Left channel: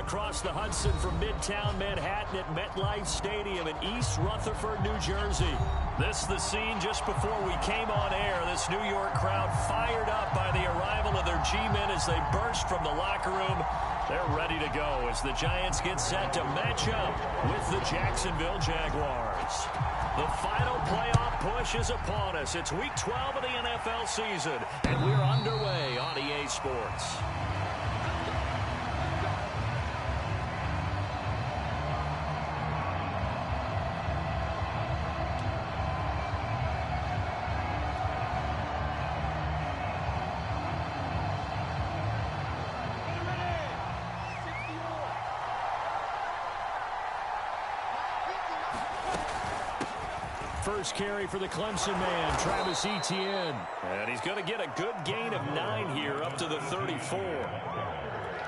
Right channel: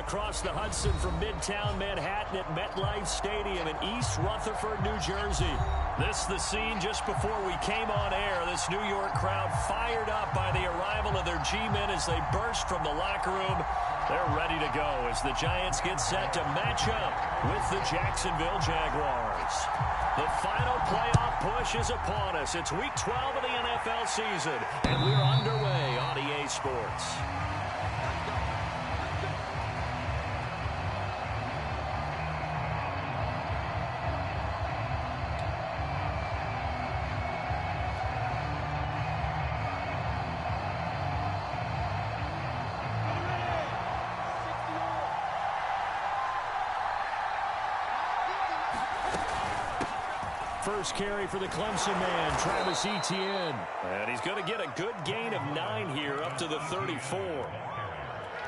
across the Hudson from Midtown Manhattan at MetLife Stadium in East Rutherford, New Jersey. This the scene just before we came on air. This New York crowd fired up by the arrival of their G-men as they burst from the locker room. They're ready to go as the Giants get set to match up with the Jacksonville Jaguars. The final playoff push is upon us. It's Week 12 of the NFL season, and we're underway on EA Sports. First carry for the Clemson man, Travis Etienne. And he's going to get a good gain of 9 here, up to the 34.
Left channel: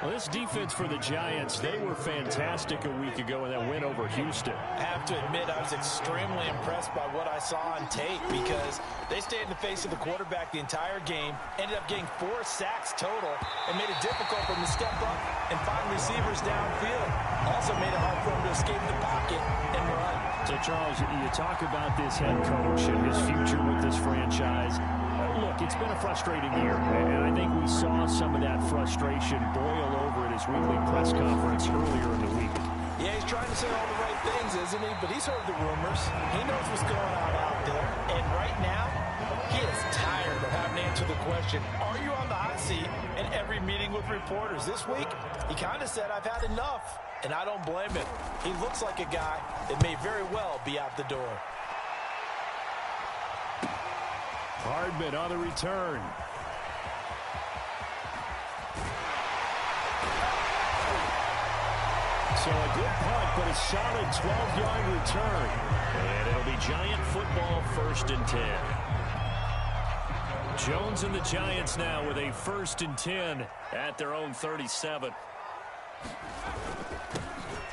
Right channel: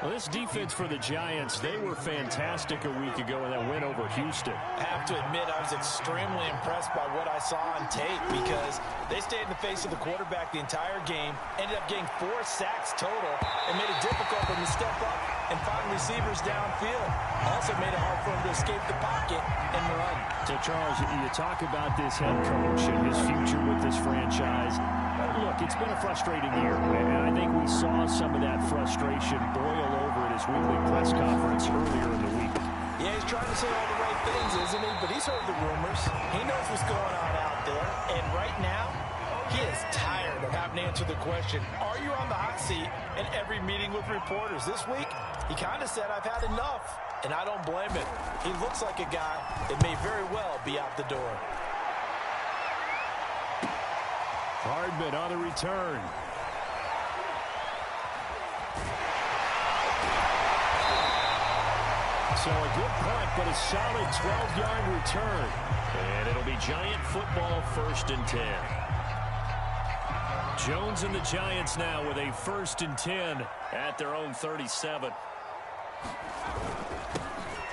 Well, this defense for the Giants, they were fantastic a week ago in that win over Houston. I have to admit, I was extremely impressed by what I saw on tape because they stayed in the face of the quarterback the entire game, ended up getting 4 sacks total, and made it difficult for him to step up and find receivers downfield. Also made it hard for him to escape the pocket and run. So, Charles, you talk about this head coach and his future with this franchise. Look, it's been a frustrating year, and I think we saw some of that frustration boil over at his weekly press conference earlier in the week. Yeah, he's trying to say all the right things, isn't he? But he's heard the rumors. He knows what's going on out there. And right now, he is tired of having to answer the question, are you on the hot seat in every meeting with reporters? This week, he kind of said, I've had enough, and I don't blame him. He looks like a guy that may very well be out the door. Hardman on the return. So a good punt, but a solid 12-yard return. And it'll be Giant football, 1st and 10. Jones and the Giants now with a 1st and 10 at their own 37.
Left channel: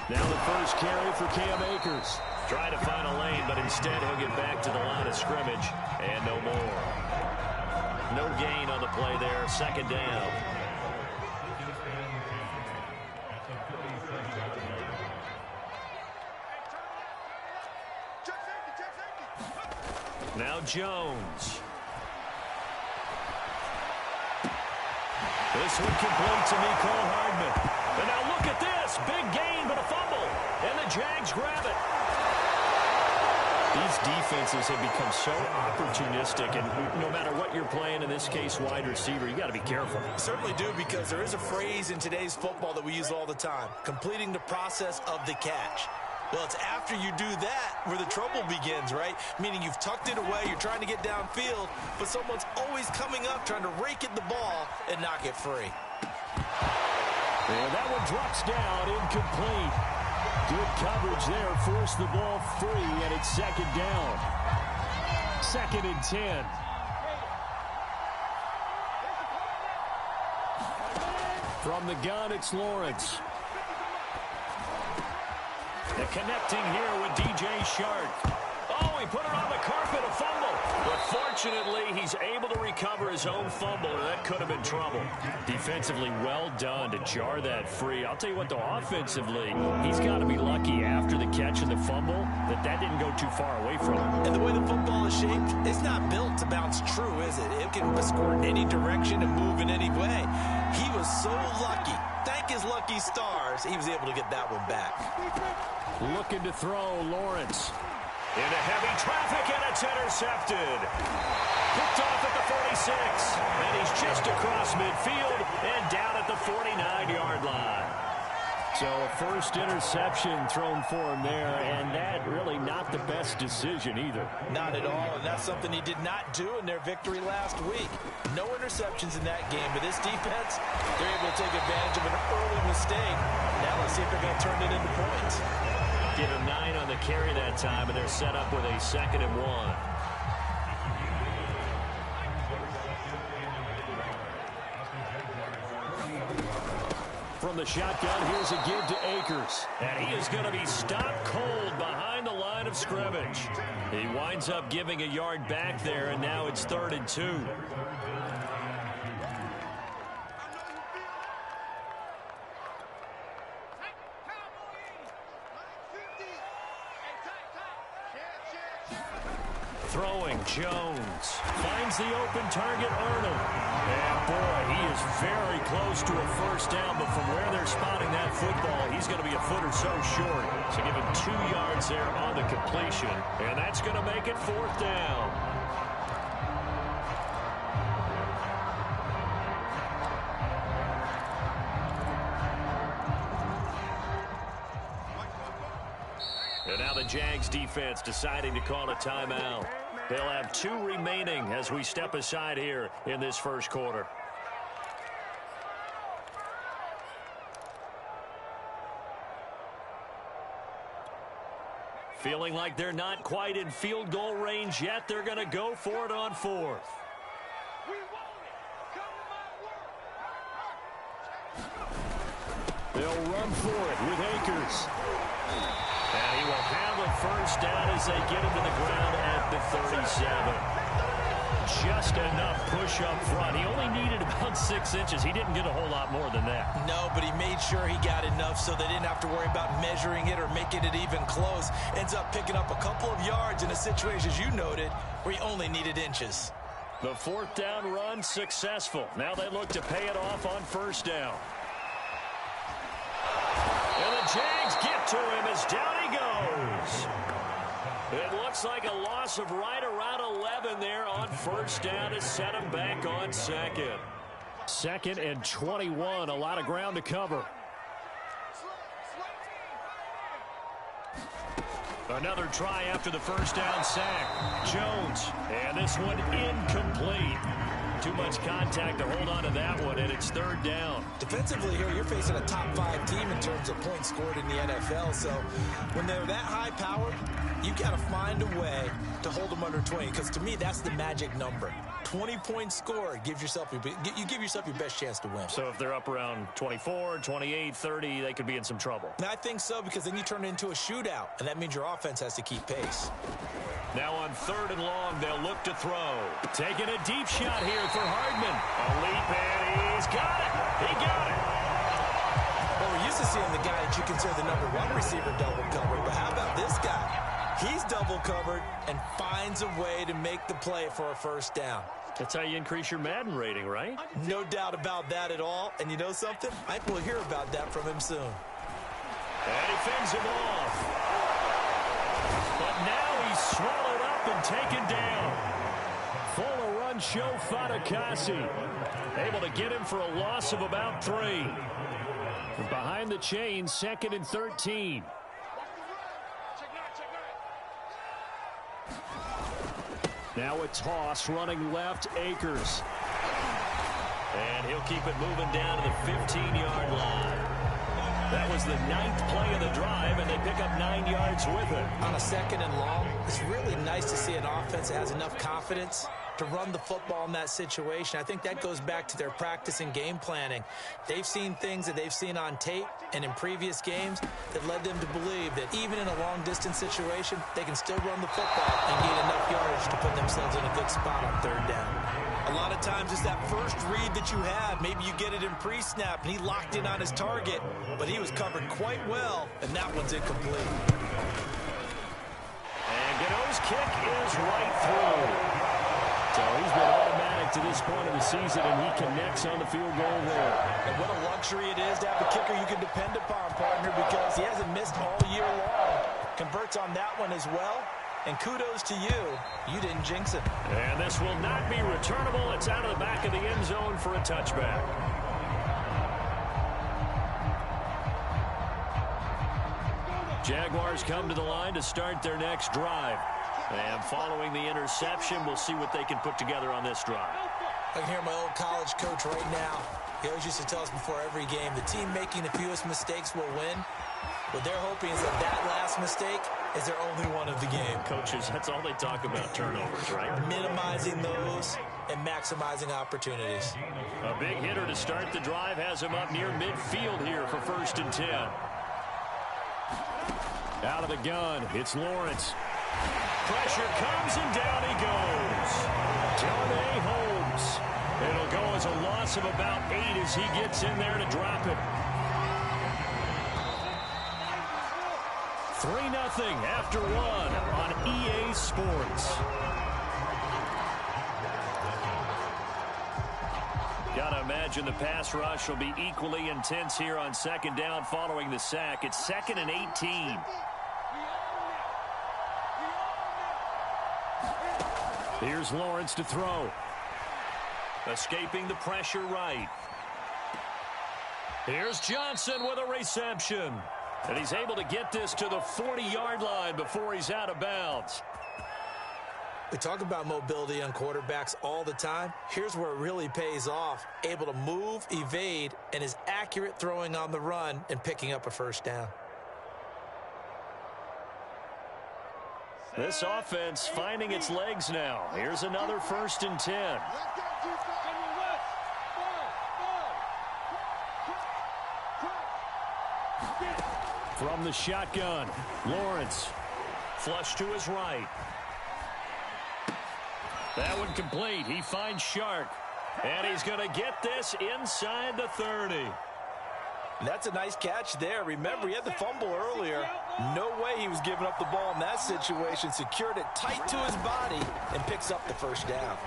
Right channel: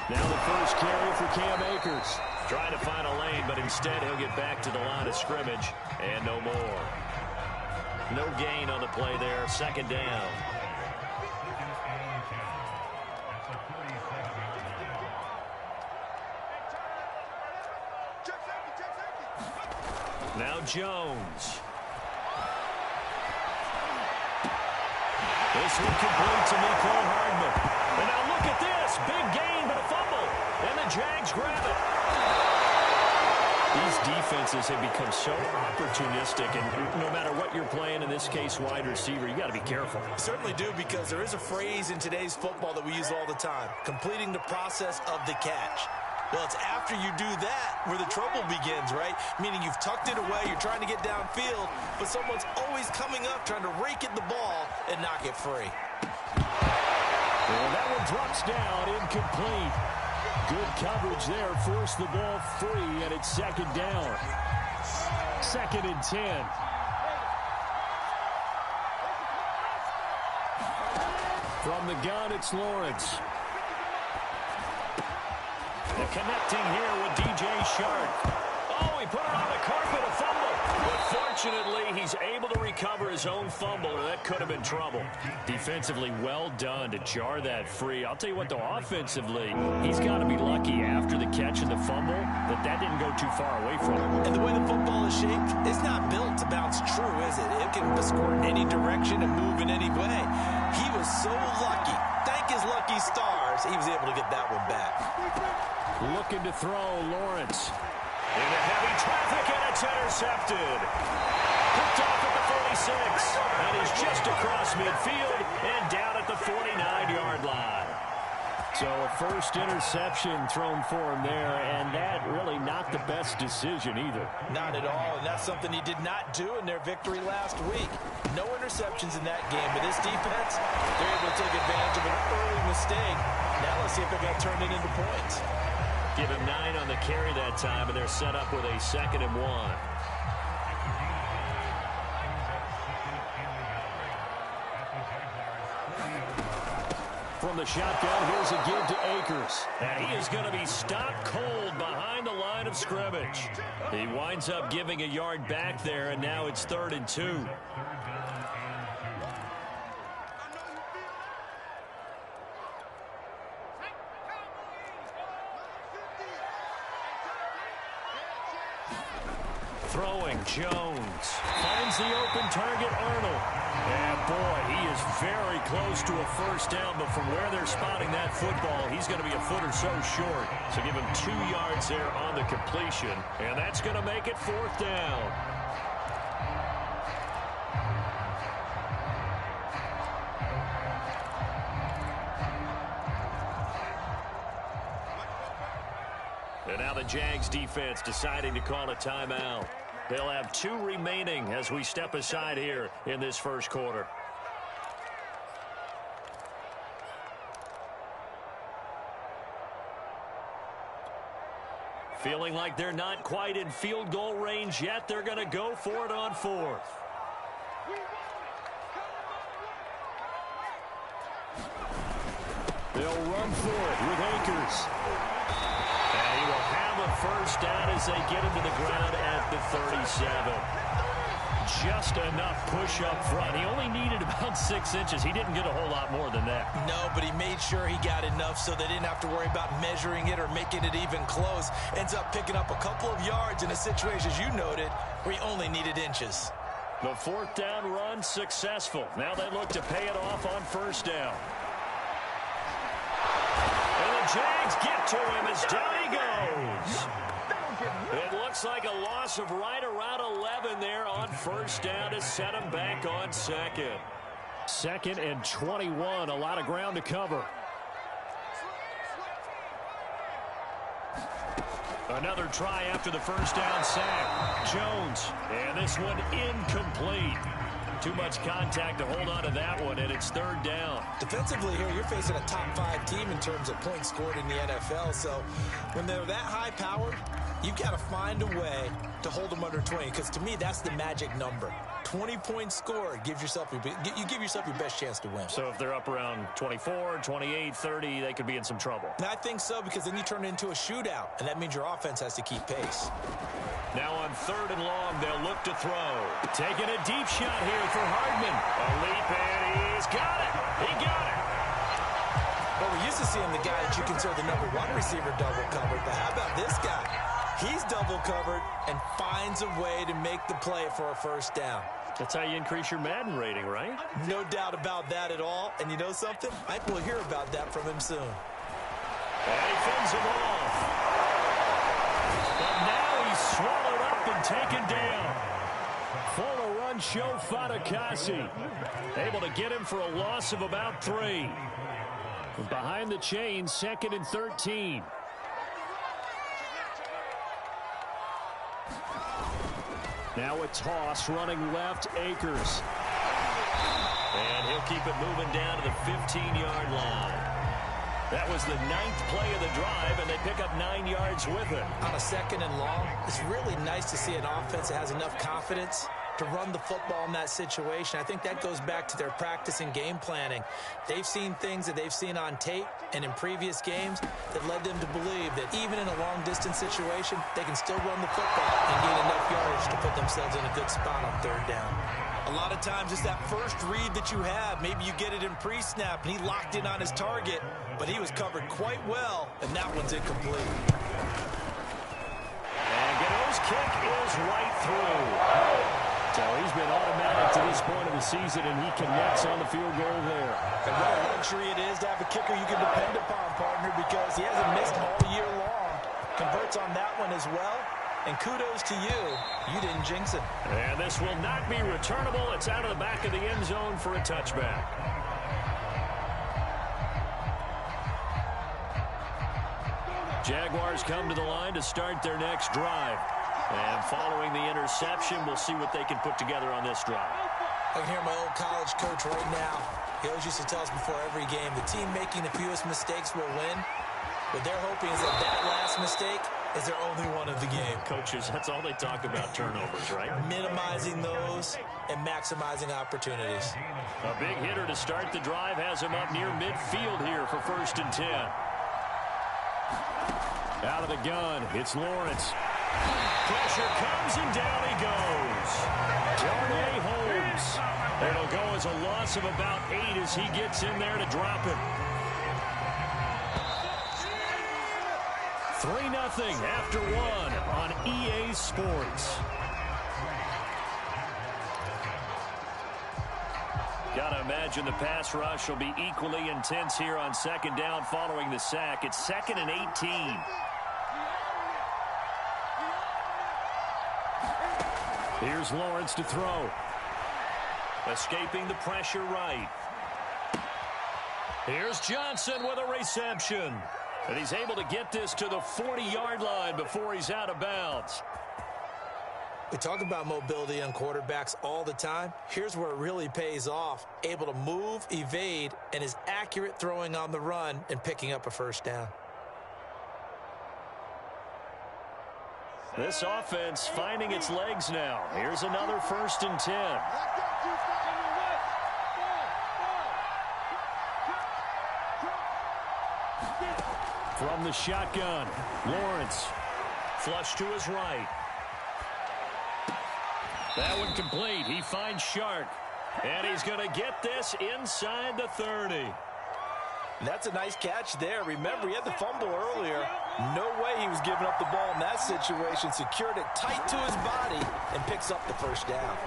Now the first carry for Cam Akers. Trying to find a lane, but instead he'll get back to the line of scrimmage. And no more. No gain on the play there. 2nd down. Now Jones. This one complete to Mecole Hardman. And now look at this. Big gain, but a fumble. And the Jags grab it. These defenses have become so opportunistic, and no matter what you're playing, in this case, wide receiver, you got to be careful. You certainly do, because there is a phrase in today's football that we use all the time, completing the process of the catch. Well, it's after you do that where the trouble begins, right? Meaning you've tucked it away, you're trying to get downfield, but someone's always coming up trying to rake at the ball and knock it free. And that one drops down, incomplete. Good coverage there, forced the ball free, and it's 2nd down. 2nd and 10. From the gun, it's Lawrence. The connecting here with DJ Shark. Oh, he put it on the carpet, a fumble. But fortunately, he's able to recover his own fumble, or that could have been trouble. Defensively, well done to jar that free. I'll tell you what, though, offensively, he's got to be lucky after the catch and the fumble that didn't go too far away from him. And the way the football is shaped, it's not built to bounce true, is it? It can squirt in any direction and move in any way. He was so lucky. Thank his lucky stars, he was able to get that one back. Looking to throw, Lawrence. Into heavy traffic, and it's intercepted. Picked off at the 46, and he's just across midfield and down at the 49-yard line. So a first interception thrown for him there, and that really not the best decision either. Not at all, and that's something he did not do in their victory last week. No interceptions in that game, but this defense, they're able to take advantage of an early mistake. Now let's see if they're going to turn it into points. Give him 9 on the carry that time, and they're set up with a 2nd and 1. From the shotgun, here's a give to Akers. And he is going to be stopped cold behind the line of scrimmage. He winds up giving a yard back there, and now it's 3rd and 2. throwing. Jones finds the open target, Arnold. And, boy, he is very close to a first down, but from where they're spotting that football, he's going to be a foot or so short. So give him 2 yards there on the completion, and that's going to make it 4th down. And now the Jags defense deciding to call a timeout. They'll have 2 remaining as we step aside here in this first quarter. Feeling like they're not quite in field goal range yet. They're going to go for it on 4th. They'll run for it with Akers. And he will have a first down as they get him to the ground at the 37. Just enough push up front. He only needed about 6 inches. He didn't get a whole lot more than that. No, but he made sure he got enough so they didn't have to worry about measuring it or making it even close. Ends up picking up a couple of yards in a situation, as you noted, where he only needed inches. The 4th down run successful. Now they look to pay it off on first down. And the Jags get to him as down he goes. It looks like a loss of right around 11 there on first down to set him back on 2nd. 2nd and 21, a lot of ground to cover. Another try after the first down sack. Jones, and this one incomplete. Too much contact to hold on to that one, and it's 3rd down. Defensively here, you're facing a top 5 team in terms of points scored in the NFL. So when they're that high-powered, you've got to find a way to hold them under 20, because to me, that's the magic number. 20 points scored, you give yourself your best chance to win. So if they're up around 24, 28, 30, they could be in some trouble. And I think so, because then you turn it into a shootout, and that means your offense has to keep pace. Now on 3rd and long, they'll look to throw. Taking a deep shot here for Hardman. A leap, and he's got it. He got it. Well, we're used to seeing the guy that you consider the #1 receiver double covered, but how about this guy? He's double covered and finds a way to make the play for a first down. That's how you increase your Madden rating, right? No doubt about that at all. And you know something? I think we'll hear about that from him soon. And he fends him off. But now he's swallowed up and taken down. Full run show Fatukasi. Able to get him for a loss of about 3. Behind the chains, 2nd and 13. Now a toss running left, Akers. And he'll keep it moving down to the 15-yard line. That was the 9th play of the drive, and they pick up 9 yards with it. On a 2nd and long, it's really nice to see an offense that has enough confidence to run the football in that situation. I think that goes back to their practice and game planning. They've seen things that they've seen on tape and in previous games that led them to believe that even in a long-distance situation, they can still run the football and gain enough yardage to put themselves in a good spot on 3rd down. A lot of times it's that first read that you have. Maybe you get it in pre-snap, and he locked in on his target, but he was covered quite well, and that one's incomplete. And Gano's kick is right through. So he's been automatic to this point of the season, and he connects on the field goal there. And what a luxury it is to have a kicker you can depend upon, partner, because he hasn't missed all year long. Converts on that one as well. And kudos to you. You didn't jinx it. And this will not be returnable. It's out of the back of the end zone for a touchback. Jaguars come to the line to start their next drive. And following the interception, we'll see what they can put together on this drive. I can hear my old college coach right now. He always used to tell us before every game, the team making the fewest mistakes will win. What they're hoping is that last mistake is their only one of the game. Coaches, that's all they talk about, turnovers, right? Minimizing those and maximizing opportunities. A big hitter to start the drive has him up near midfield here for 1st and 10. Out of the gun, it's Lawrence. Pressure comes and down he goes. Darnay Holmes. It'll go as a loss of about 8 as he gets in there to drop him. 3-0 after 1 on EA Sports. got to imagine the pass rush will be equally intense here on second down following the sack. It's 2nd and 18. Here's Lawrence to throw. Escaping the pressure right. Here's Johnson with a reception. And he's able to get this to the 40-yard line before he's out of bounds. We talk about mobility on quarterbacks all the time. Here's where it really pays off. Able to move, evade, and is accurate throwing on the run and picking up a first down. This offense finding its legs now. Here's another 1st and 10. From the shotgun, Lawrence. Flush to his right. That one complete. He finds Shark. And he's going to get this inside the 30. That's a nice catch there. Remember, he had the fumble earlier. No way he was giving up the ball in that situation. Secured it tight to his body and picks up the first down.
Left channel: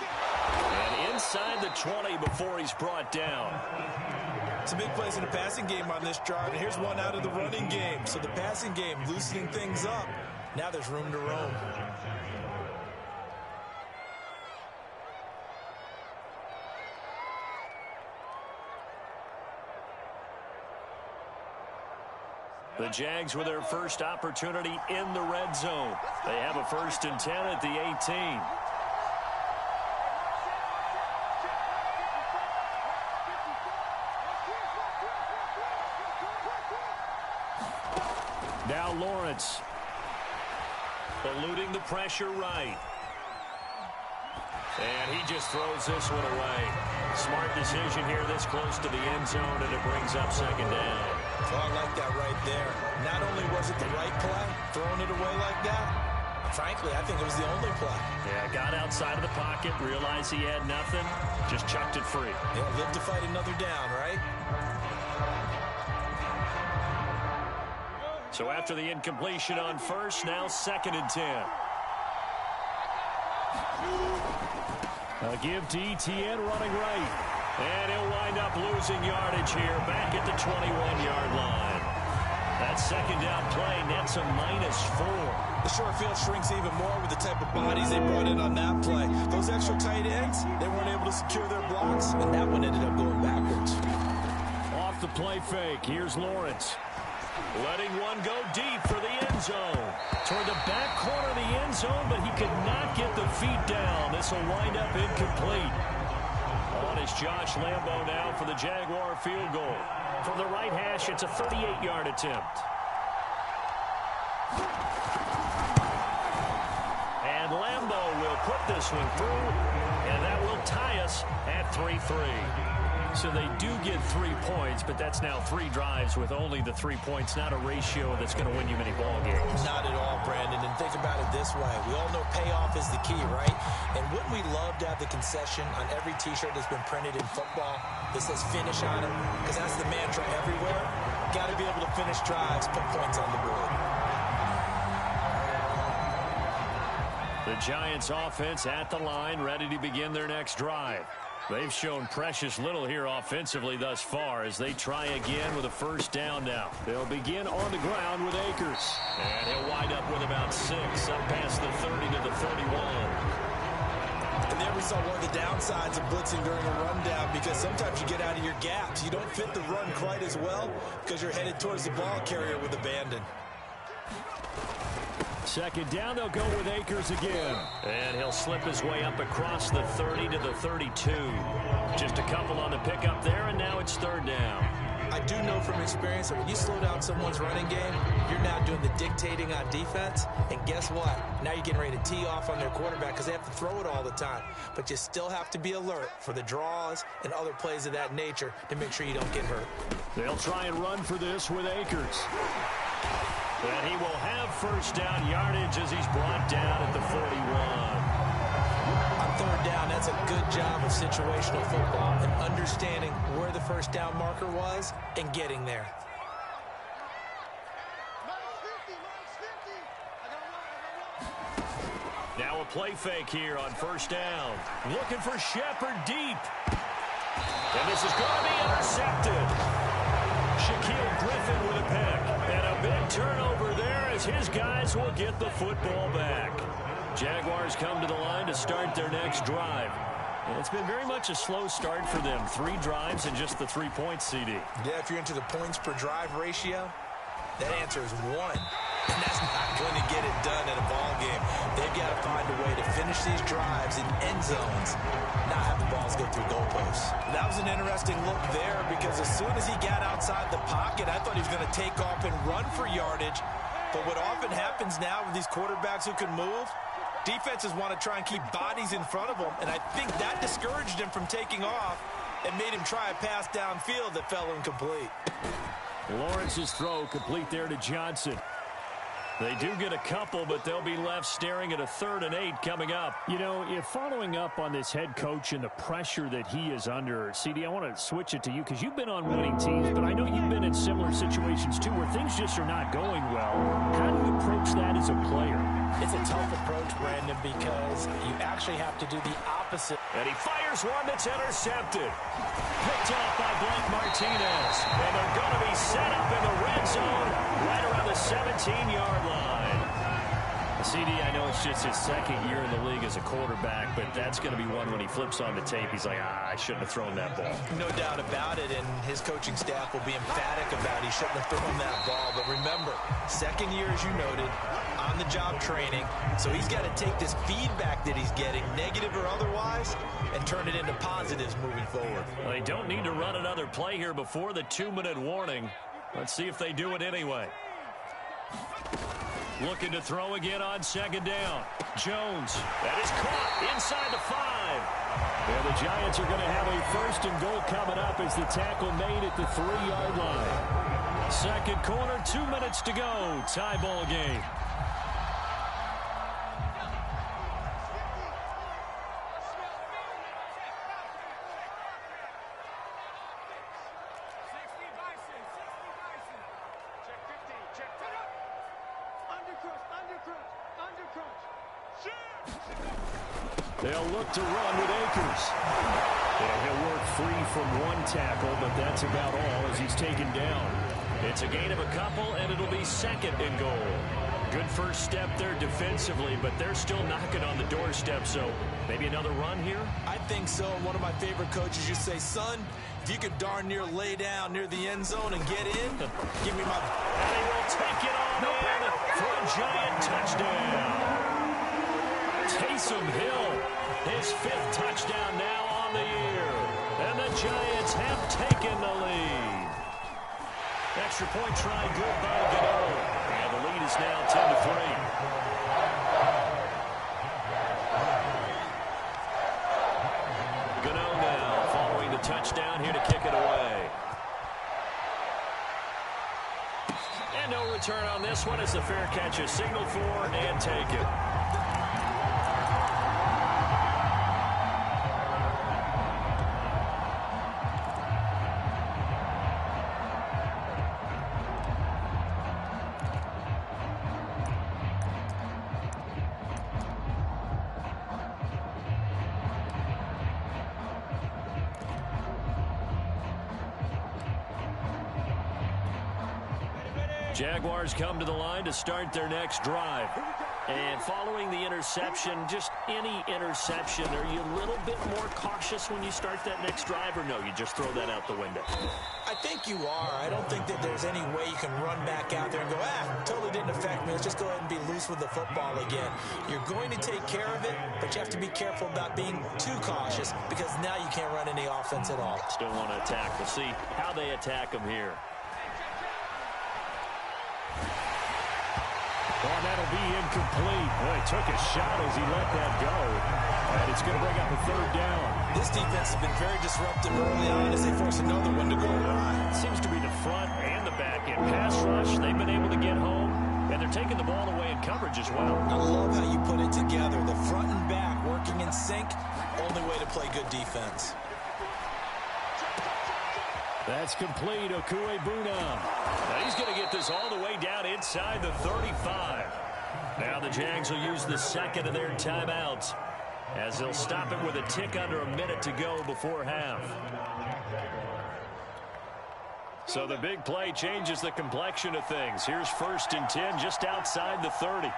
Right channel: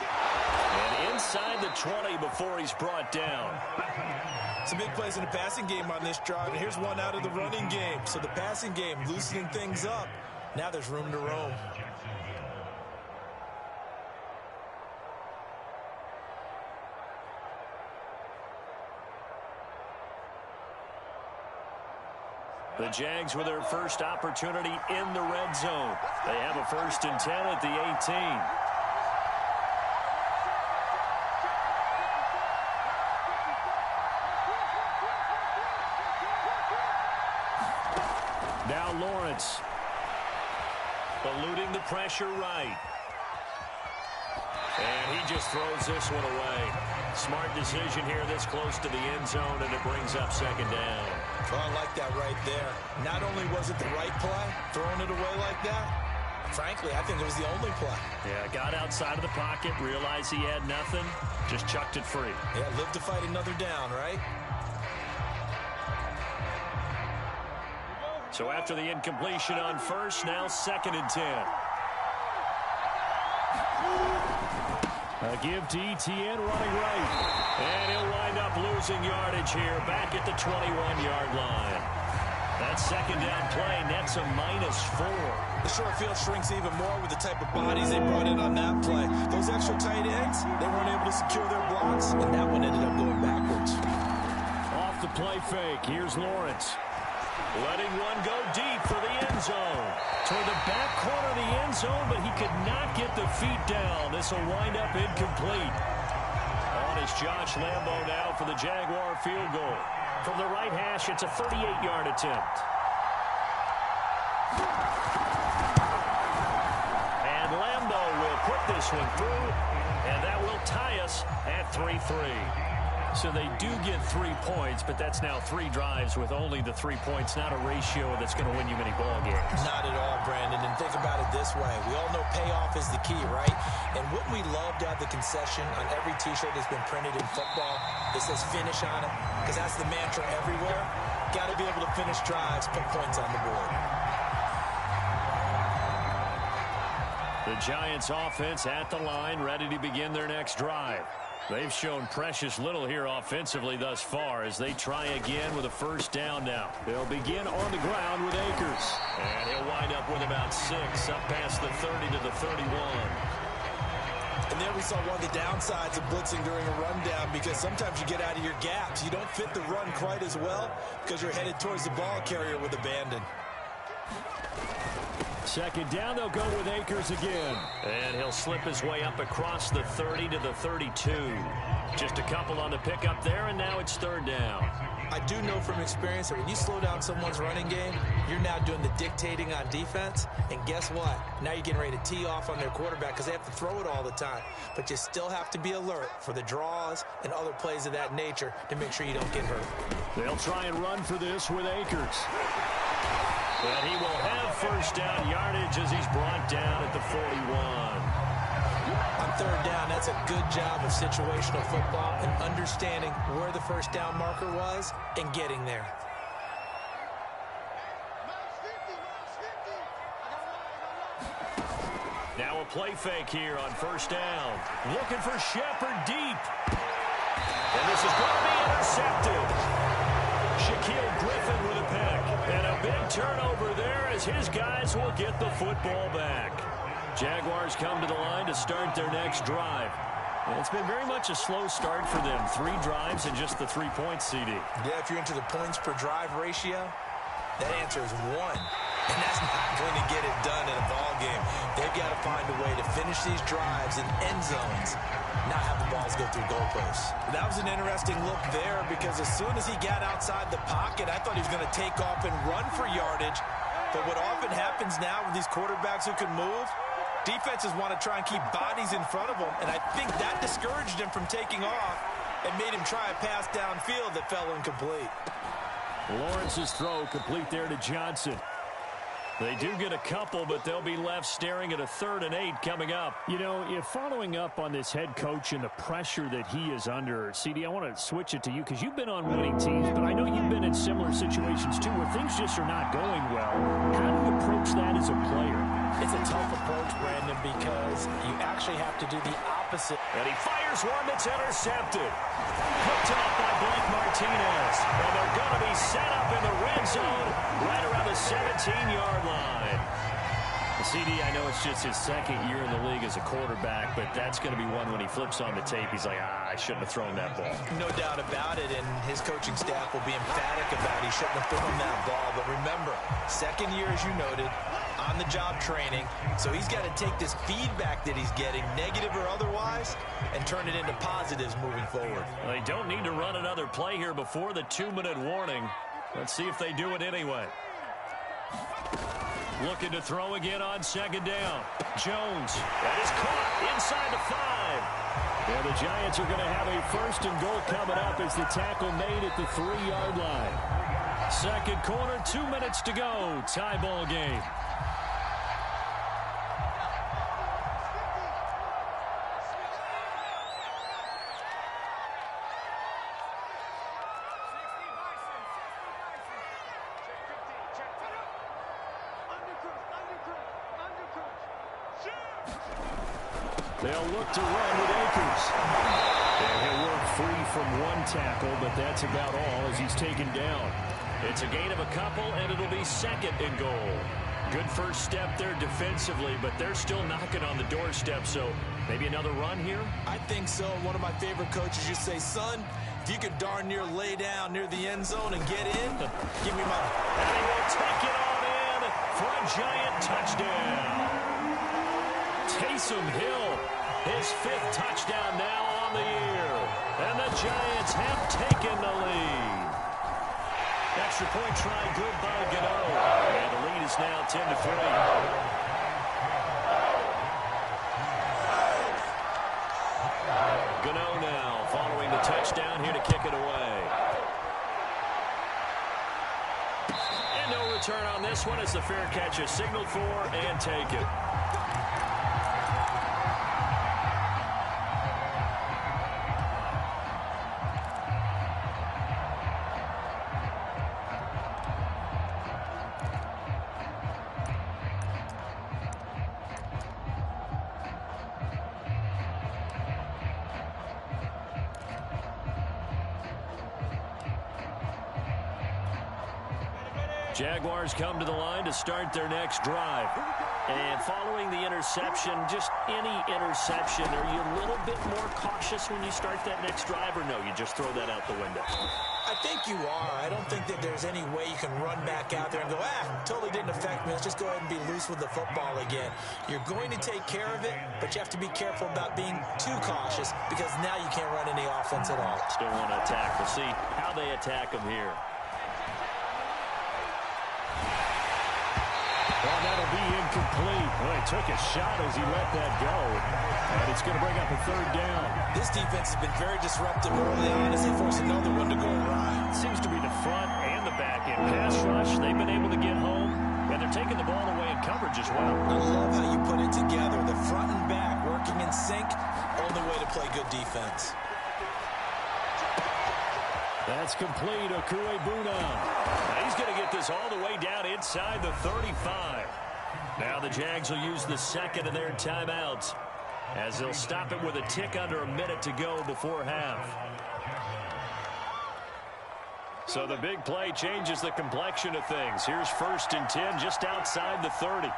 And inside the 20 before he's brought down. Some big plays in the passing game on this drive, and here's one out of the running game. So the passing game loosening things up. Now there's room to roam. The Jags with their first opportunity in the red zone. They have a 1st and 10 at the 18. Now Lawrence. Eluding the pressure right. And he just throws this one away. Smart decision here this close to the end zone, and it brings up 2nd down. Oh, I like that right there. Not only was it the right play, throwing it away like that, frankly, I think it was the only play. Yeah, got outside of the pocket, realized he had nothing, just chucked it free. Yeah, live to fight another down, right? So after the incompletion on 1st, now 2nd and 10. A give to ETN running right. And he'll wind up losing yardage here back at the 21-yard line. That 2nd down play nets a -4. The short field shrinks even more with the type of bodies they brought in on that play. Those extra tight ends, they weren't able to secure their blocks, and that one ended up going backwards. Off the play fake, here's Lawrence. Letting one go deep for the end zone. Toward the back corner of the end zone, but he could not get the feet down. This will wind up incomplete. On is Josh Lambo now for the Jaguar field goal. From the right hash, it's a 38-yard attempt. And Lambo will put this one through, and that will tie us at 3-3. So they do get 3 points, but that's now 3 drives with only the 3 points, not a ratio that's going to win you many ball games. Not at all, Brandon. And think about it this way. We all know payoff is the key, right? And wouldn't we love to have the concession on every T-shirt that's been printed in football that says finish on it? Because that's the mantra everywhere. Got to be able to finish drives, put points on the board. The Giants offense at the line, ready to begin their next drive. They've shown precious little here offensively thus far as they try again with a 1st down now. They'll begin on the ground with Akers. And he'll wind up with about 6 up past the 30 to the 31. And there we saw one of the downsides of blitzing during a rundown, because sometimes you get out of your gaps. You don't fit the run quite as well because you're headed towards the ball carrier with abandon. 2nd down, they'll go with Akers again. And he'll slip his way up across the 30 to the 32. Just a couple on the pickup there, and now it's 3rd down. I do know from experience that when you slow down someone's running game, you're now doing the dictating on defense. And guess what? Now you're getting ready to tee off on their quarterback because they have to throw it all the time. But you still have to be alert for the draws and other plays of that nature to make sure you don't get hurt. They'll try and run for this with Akers. And he will have 1st down yardage as he's brought down at the 41. On 3rd down, that's a good job of situational football and understanding where the 1st down marker was and getting there. Now a play fake here on 1st down. Looking for Shepard deep. And this is going to be intercepted. Shaquille Griffin with a pick. And a big turnover there as his guys will get the football back. Jaguars come to the line to start their next drive. And it's been very much a slow start for them. 3 drives and just the 3 points, CD. Yeah, if you're into the points per drive ratio, that answer is 1. And that's not going to get it done in a ball game. They've got to find a way to finish these drives in end zones, not have the balls go through goalposts. That was an interesting look there because as soon as he got outside the pocket, I thought he was going to take off and run for yardage. But what often happens now with these quarterbacks who can move, defenses want to try and keep bodies in front of them, and I think that discouraged him from taking off and made him try a pass downfield that fell incomplete. Lawrence's throw complete there to Johnson. They do get a couple, but they'll be left staring at a 3rd and 8 coming up. You know, if following up on this head coach and the pressure that he is under, CD, I want to switch it to you because you've been on winning teams, but I know you've been in similar situations too where things just are not going well. How do you approach that as a player? It's a tough approach, Brandon, because you actually have to do the opposite. And he fires one that's intercepted. Picked off by Blake Martinez. And they're going to be set up in the red zone right around the 17-yard line. CD, I know it's just his 2nd year in the league as a quarterback, but that's going to be one when he flips on the tape. He's like, I shouldn't have thrown that ball. No doubt about it, and his coaching staff will be emphatic about he shouldn't have thrown that ball. But remember, 2nd year, as you noted, on-the-job training, so he's got to take this feedback that he's getting, negative or otherwise, and turn it into positives moving forward. Well, they don't need to run another play here before the 2-minute warning. Let's see if they do it anyway. Looking to throw again on 2nd down. Jones. That is caught inside the 5. And the Giants are going to have a 1st and goal coming up as the tackle made at the 3-yard line. 2nd quarter, 2 minutes to go. Tie ball game. They'll look to run with Akers. And he'll work free from 1 tackle, but that's about all as he's taken down. It's a gain of a couple, and it'll be 2nd and goal. Good first step there defensively, but they're still knocking on the doorstep, so maybe another run here? I think so. One of my favorite coaches used to say, son, if you could darn near lay down near the end zone and get in, give me my... And he will take it on in for a Giant touchdown. Taysom Hill, his 5th touchdown now on the year. And the Giants have taken the lead. Extra point try good by Gano. And the lead is now 10-3. Gano now following the touchdown here to kick it away. And no return on this one as the fair catch is signaled for and taken. Jaguars come to the line to start their next drive. And following the interception, just any interception, are you a little bit more cautious when you start that next drive, or no, you just throw that out the window? I think you are. I don't think that there's any way you can run back out there and go, totally didn't affect me. Let's just go ahead and be loose with the football again. You're going to take care of it, but you have to be careful about being too cautious because now you can't run any offense at all. Still want to attack. We'll see how they attack them here. Oh, that'll be incomplete. Well, he took a shot as he let that go. And it's going to bring up a 3rd down. This defense has been very disruptive early on as they force another one to go awry. Seems to be the front and the back end. Pass rush, they've been able to get home. And they're taking the ball away in coverage as well. I love how you put it together. The front and back working in sync. Only way to play good defense. That's complete. Okuebuna. Now he's going to get this all the way down inside the 35. Now the Jags will use the 2nd of their timeouts as they'll stop it with a tick under a minute to go before half. So the big play changes the complexion of things. Here's 1st and 10 just outside the 30.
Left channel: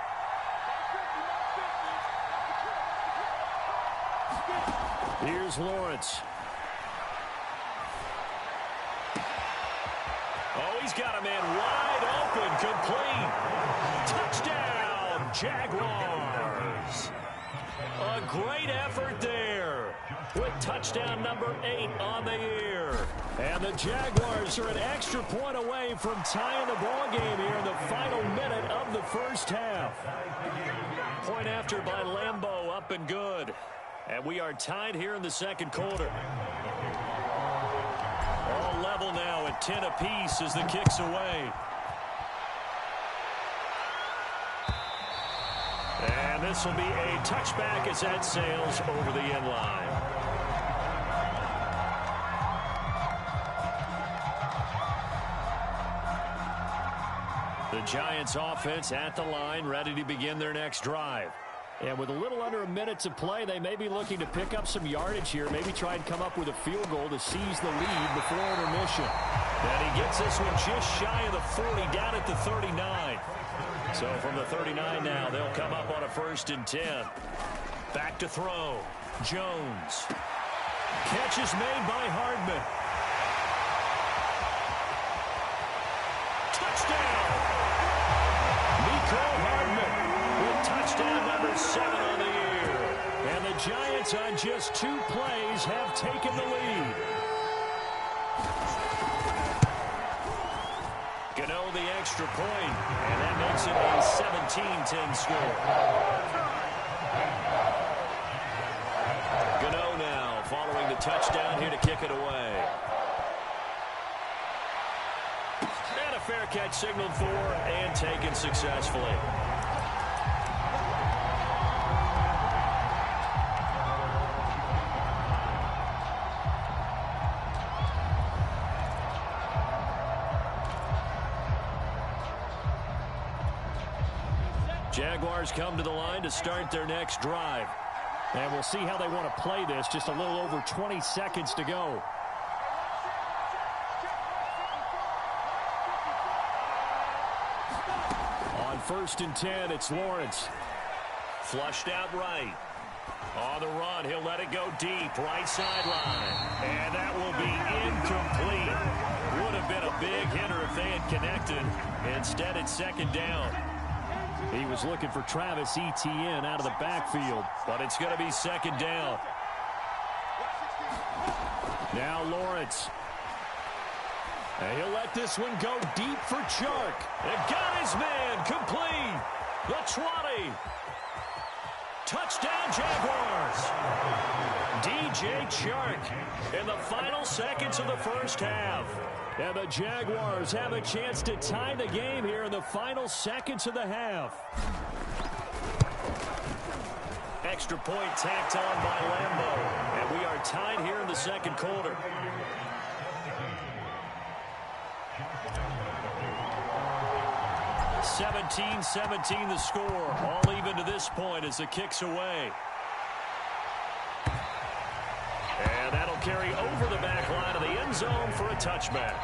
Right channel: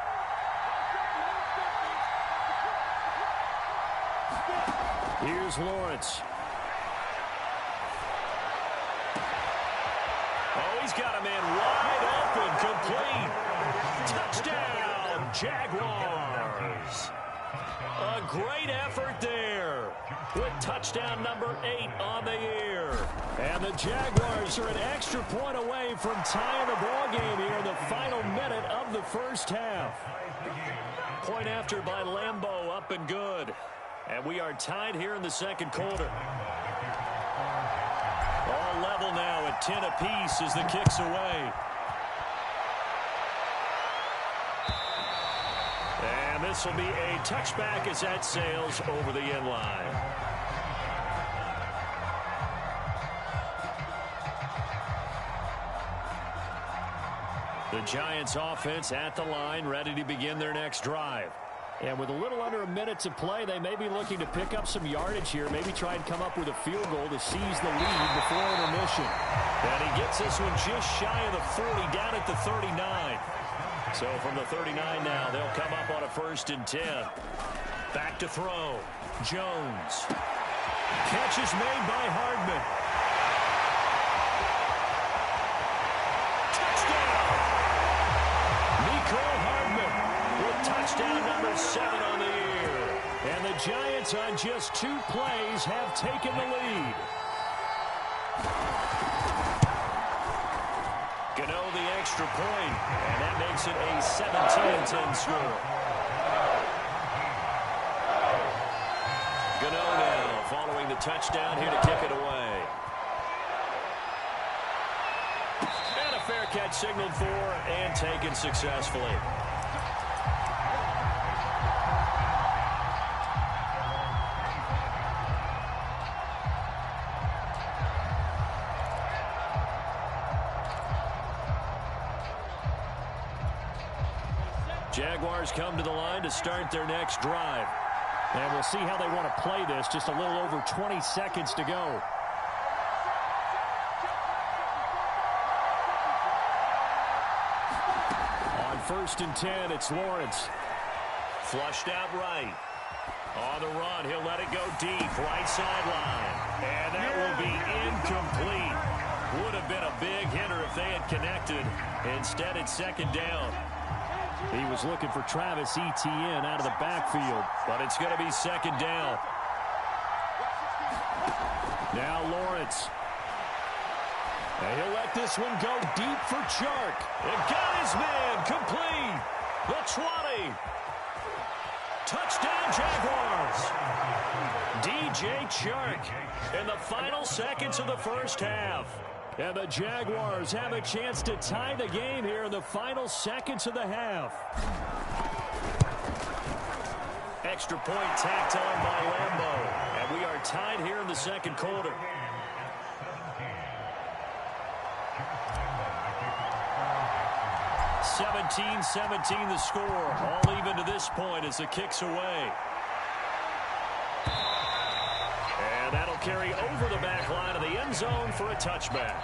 Here's Lawrence. Oh, he's got a man wide open, complete. Touchdown, Jaguars. A great effort there with touchdown number 8 on the year. And the Jaguars are an extra point away from tying the ball game here in the final minute of the first half. Point after by Lambeau, up and good. And we are tied here in the second quarter. All level now at 10 apiece as the kick's away. And this will be a touchback as that sails over the end line. The Giants offense at the line, ready to begin their next drive. And with a little under a minute to play, they may be looking to pick up some yardage here, maybe try and come up with a field goal to seize the lead before intermission. And he gets this one just shy of the 40, down at the 39. So from the 39 now, they'll come up on a 1st and 10. Back to throw. Jones. Catch is made by Hardman. Touchdown! Haleykrl Hardman with touchdown number 7 on the year. And the Giants on just 2 plays have taken the lead. Gano the extra point, and that makes it a 17-10 score. Gano now following the touchdown here to kick it away. And a fair catch signaled for and taken successfully. Jaguars come to the line to start their next drive. And we'll see how they want to play this. Just a little over 20 seconds to go. On 1st and 10, it's Lawrence. Flushed out right. On the run, he'll let it go deep, right sideline. And that will be incomplete. Would have been a big hitter if they had connected. Instead, it's 2nd down. He was looking for Travis Etienne out of the backfield, but it's going to be 2nd down. Now Lawrence. And he'll let this one go deep for Chark. And got his man complete. The 20. Touchdown Jaguars. DJ Chark in the final seconds of the first half. And the Jaguars have a chance to tie the game here in the final seconds of the half. Extra point tacked on by Lambeau. And we are tied here in the second quarter. (17-17) the score. All even to this point as the kick's away. And that'll carry over the back line of the end zone for a touchback.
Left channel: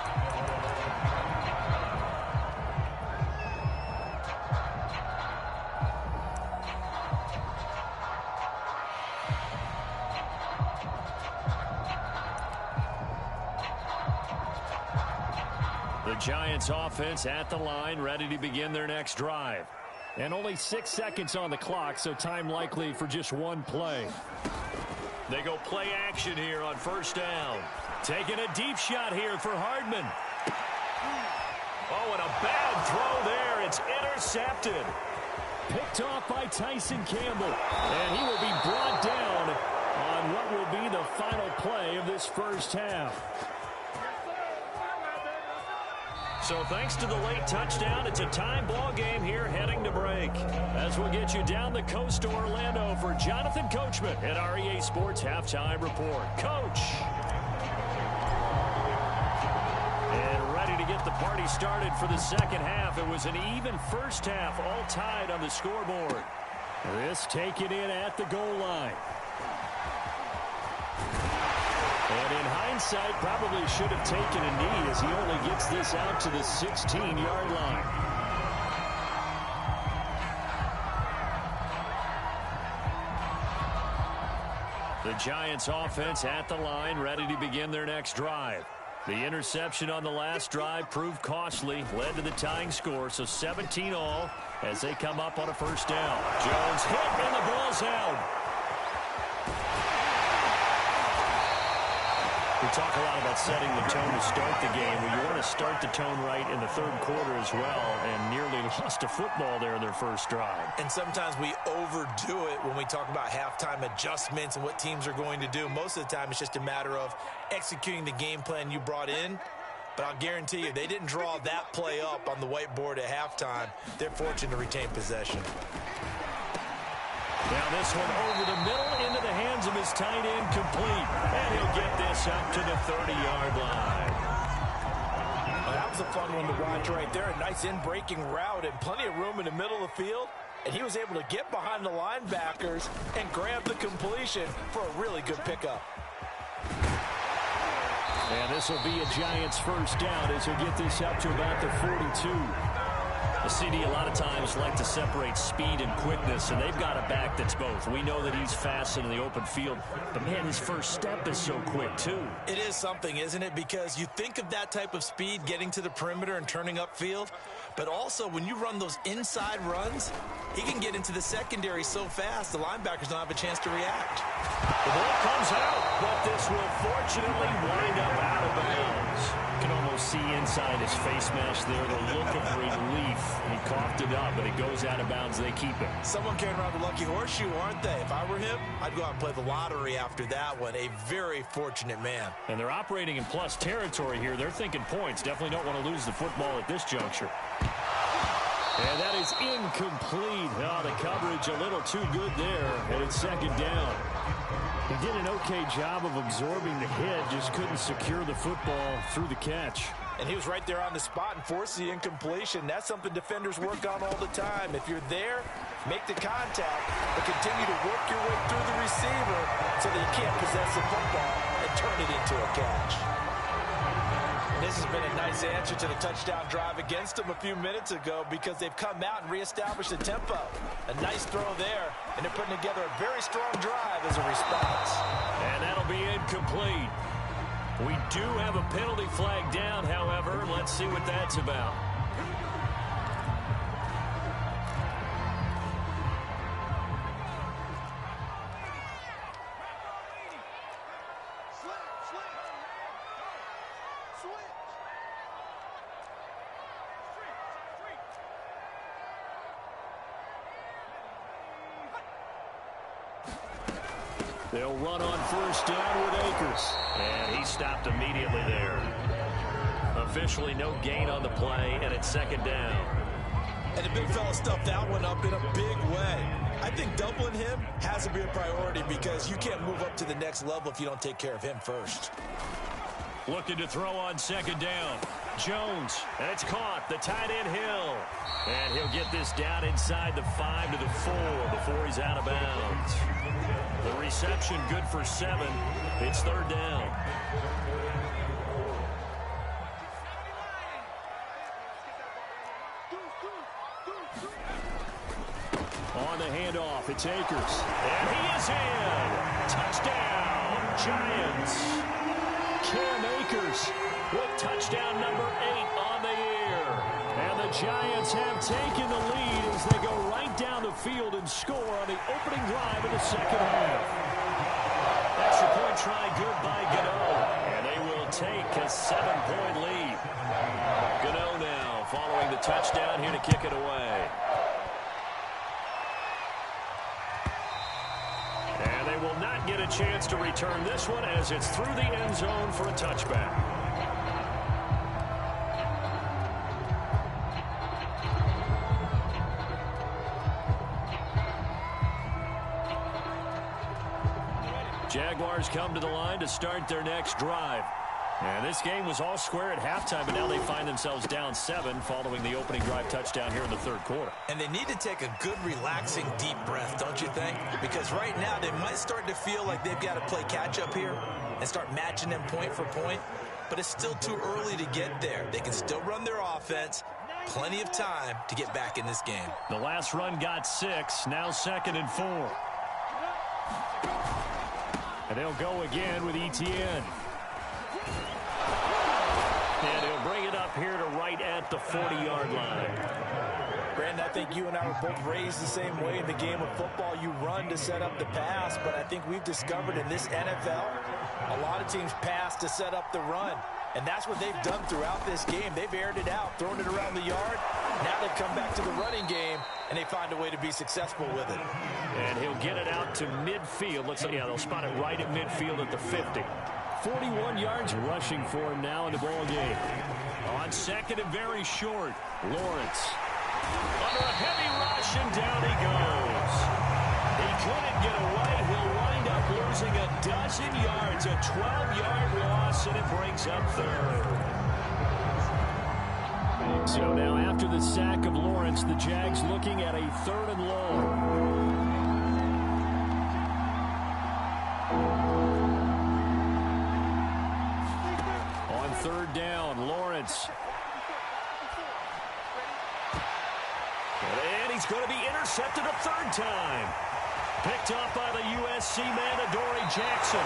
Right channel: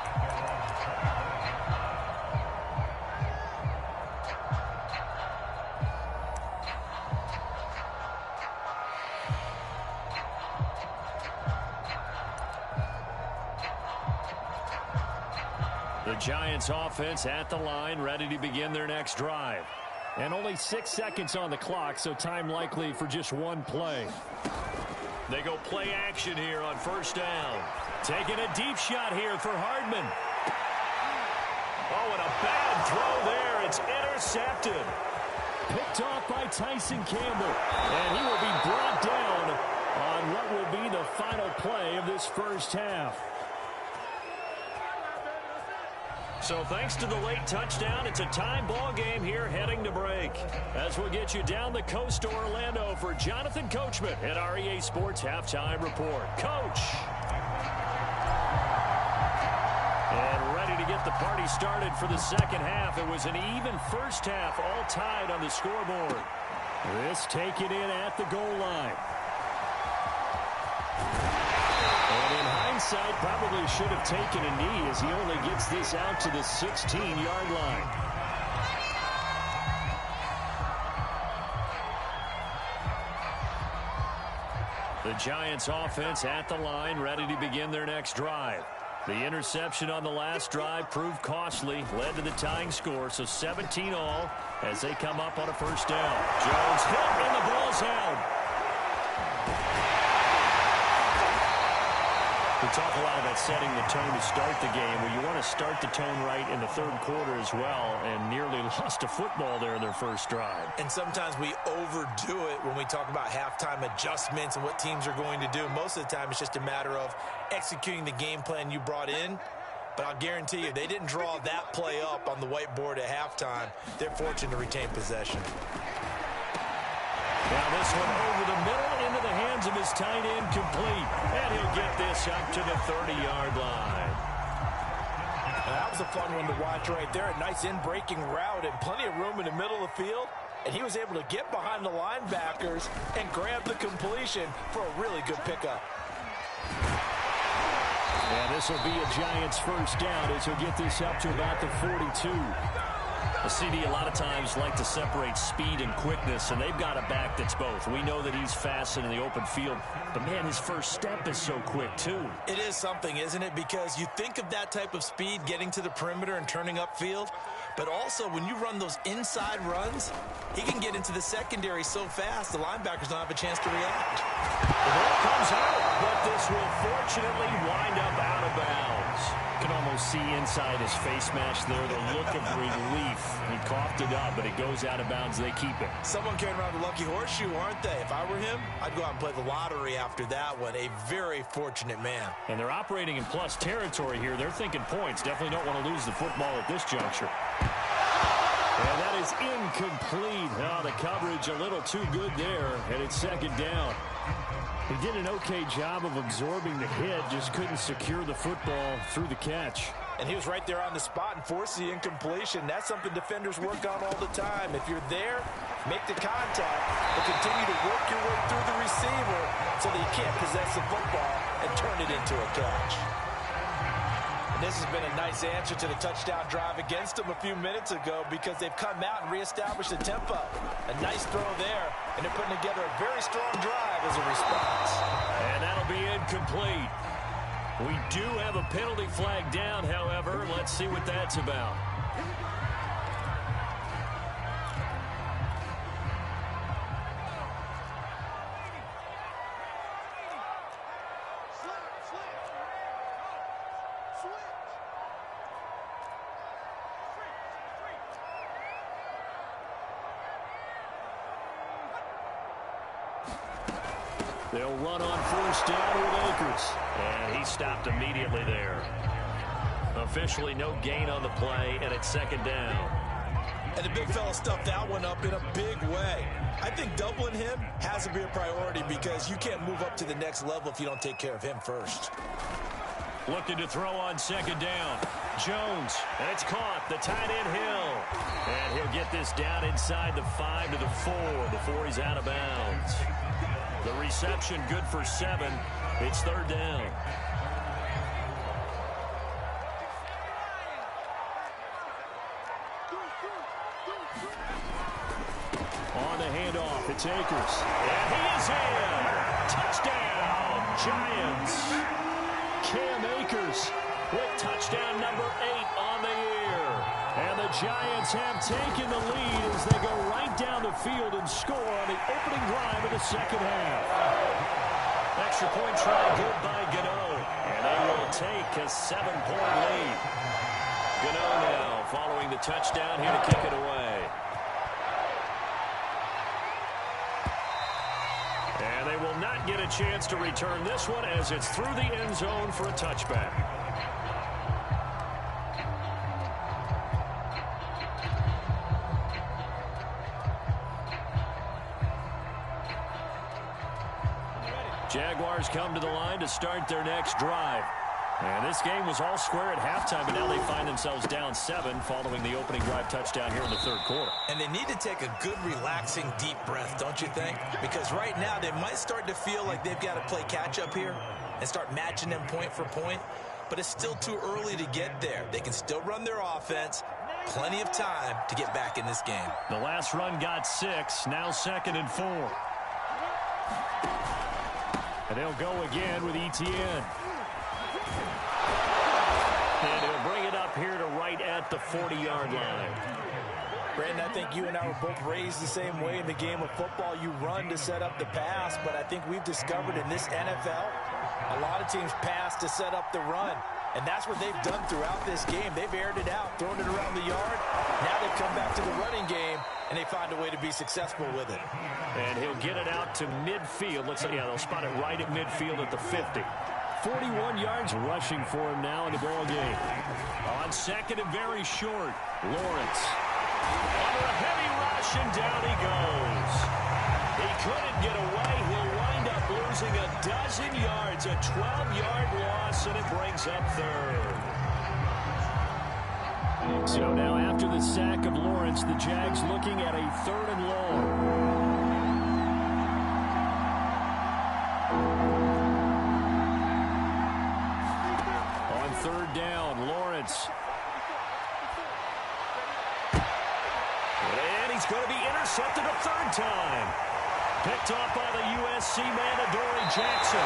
The Giants offense at the line, ready to begin their next drive. And only 6 seconds on the clock, so time likely for just one play. They go play action here on 1st down. Taking a deep shot here for Hardman. Oh, and a bad throw there. It's intercepted. Picked off by Tyson Campbell. And he will be brought down on what will be the final play of this first half. So thanks to the late touchdown, it's a time ball game here heading to break. As we'll get you down the coast to Orlando for Jonathan Coachman at our EA Sports Halftime Report. Coach. And ready to get the party started for the second half. It was an even first half, all tied on the scoreboard. This taken in at the goal line. And in hindsight, hindsight, probably should have taken a knee as he only gets this out to the 16-yard line. The Giants offense at the line, ready to begin their next drive. The interception on the last drive proved costly, led to the tying score, so 17 all as they come up on a first down. Jones hit and the ball's out. We talk a lot about setting the tone to start the game. Well, you want to start the tone right in the third quarter as well, and nearly lost a football there in their first drive. And sometimes we overdo it when we talk about halftime adjustments and what teams are going to do. Most of the time, it's just a matter of executing the game plan you brought in. But I'll guarantee you, they didn't draw that play up on the whiteboard at halftime. They're fortunate to retain possession. Now this one over the middle into the hands of his tight end, complete. And he'll get this up to the 30-yard line. Well, that was a fun one to watch right there. A nice in-breaking route and plenty of room in the middle of the field. And he was able to get behind the linebackers and grab the completion for a really good pickup. And this will be a Giants first down as he'll get this up to about the 42. The CD a lot of times like to separate speed and quickness, and they've got a back that's both. We know that he's fast in the open field, but, man, his first step is so quick, too. It is something, isn't it? Because you think of that type of speed getting to the perimeter and turning upfield, but also when you run those inside runs, he can get into the secondary so fast the linebackers don't have a chance to react. The ball comes out, but this will fortunately wind up out of bounds. You can almost see inside his face mask there the look of relief. He coughed it up, but it goes out of bounds. They keep it. Someone carrying around the lucky horseshoe, aren't they? If I were him, I'd go out and play the lottery after that one. A very fortunate man. And they're operating in plus territory here. They're thinking points. Definitely don't want to lose the football at this juncture. And that is incomplete. Oh, the coverage a little too good there, and it's second down. He did an okay job of absorbing the hit, just couldn't secure the football through the catch. And he was right there on the spot and forced the incompletion. That's something defenders work on all the time. If you're there, make the contact, but continue to work your way through the receiver so that you can't possess the football and turn it into a catch. And this has been a nice answer to the touchdown drive against them a few minutes ago because they've come out and reestablished the tempo. A nice throw there, and they're putting together a very strong drive as a response. And that'll be incomplete. We do have a penalty flag down, however. Let's see what that's about. They'll run on first down with Akers. And he stopped immediately there. Officially no gain on the play, and it's second down. And the big fella stuffed that one up in a big way. I think doubling him has to be a priority because you can't move up to the next level if you don't take care of him first. Looking to throw on second down. Jones, and it's caught. The tight end Hill. And he'll get this down inside the 5 to the 4 before he's out of bounds. The reception good for 7. It's third down. On the handoff, it's Akers. And he is in. Touchdown, Giants. Cam Akers with touchdown number 8 on the year. And the Giants have taken the lead as they go right down the field and score on the opening drive of the second half. Extra point try good by Gano. And they will take a 7-point lead. Gano now following the touchdown here to kick it away. And they will not get a chance to return this one as it's through the end zone for a touchback. Jaguars come to the line to start their next drive. And this game was all square at halftime, but now they find themselves down 7 following the opening drive touchdown here in the third quarter. And they need to take a good, relaxing, deep breath, don't you think? Because right now they might start to feel like they've got to play catch-up here and start matching them point for point. But it's still too early to get there. They can still run their offense. Plenty of time to get back in this game. The last run got 6, now 2nd and 4. And they'll go again with Etienne. And he'll bring it up here to right at the 40-yard line. Brandon, I think you and I were both raised the same way in the game of football. You run to set up the pass, but I think we've discovered in this NFL, a lot of teams pass to set up the run. And that's what they've done throughout this game. They've aired it out, thrown it around the yard. Now they've come back to the running game, and they find a way to be successful with it. And he'll get it out to midfield. Let's say, yeah, they'll spot it right at midfield at the 50. 41 yards rushing for him now in the ball game. On 2nd and very short, Lawrence. Under a heavy rush, and down he goes. He couldn't get away. He'll wind up losing a dozen yards, a 12-yard loss, and it brings up 3rd. So now after the sack of Lawrence, the Jags looking at a 3rd and long. On 3rd down, Lawrence. And he's going to be intercepted a 3rd time. Picked off by the USC man, Adoree Jackson.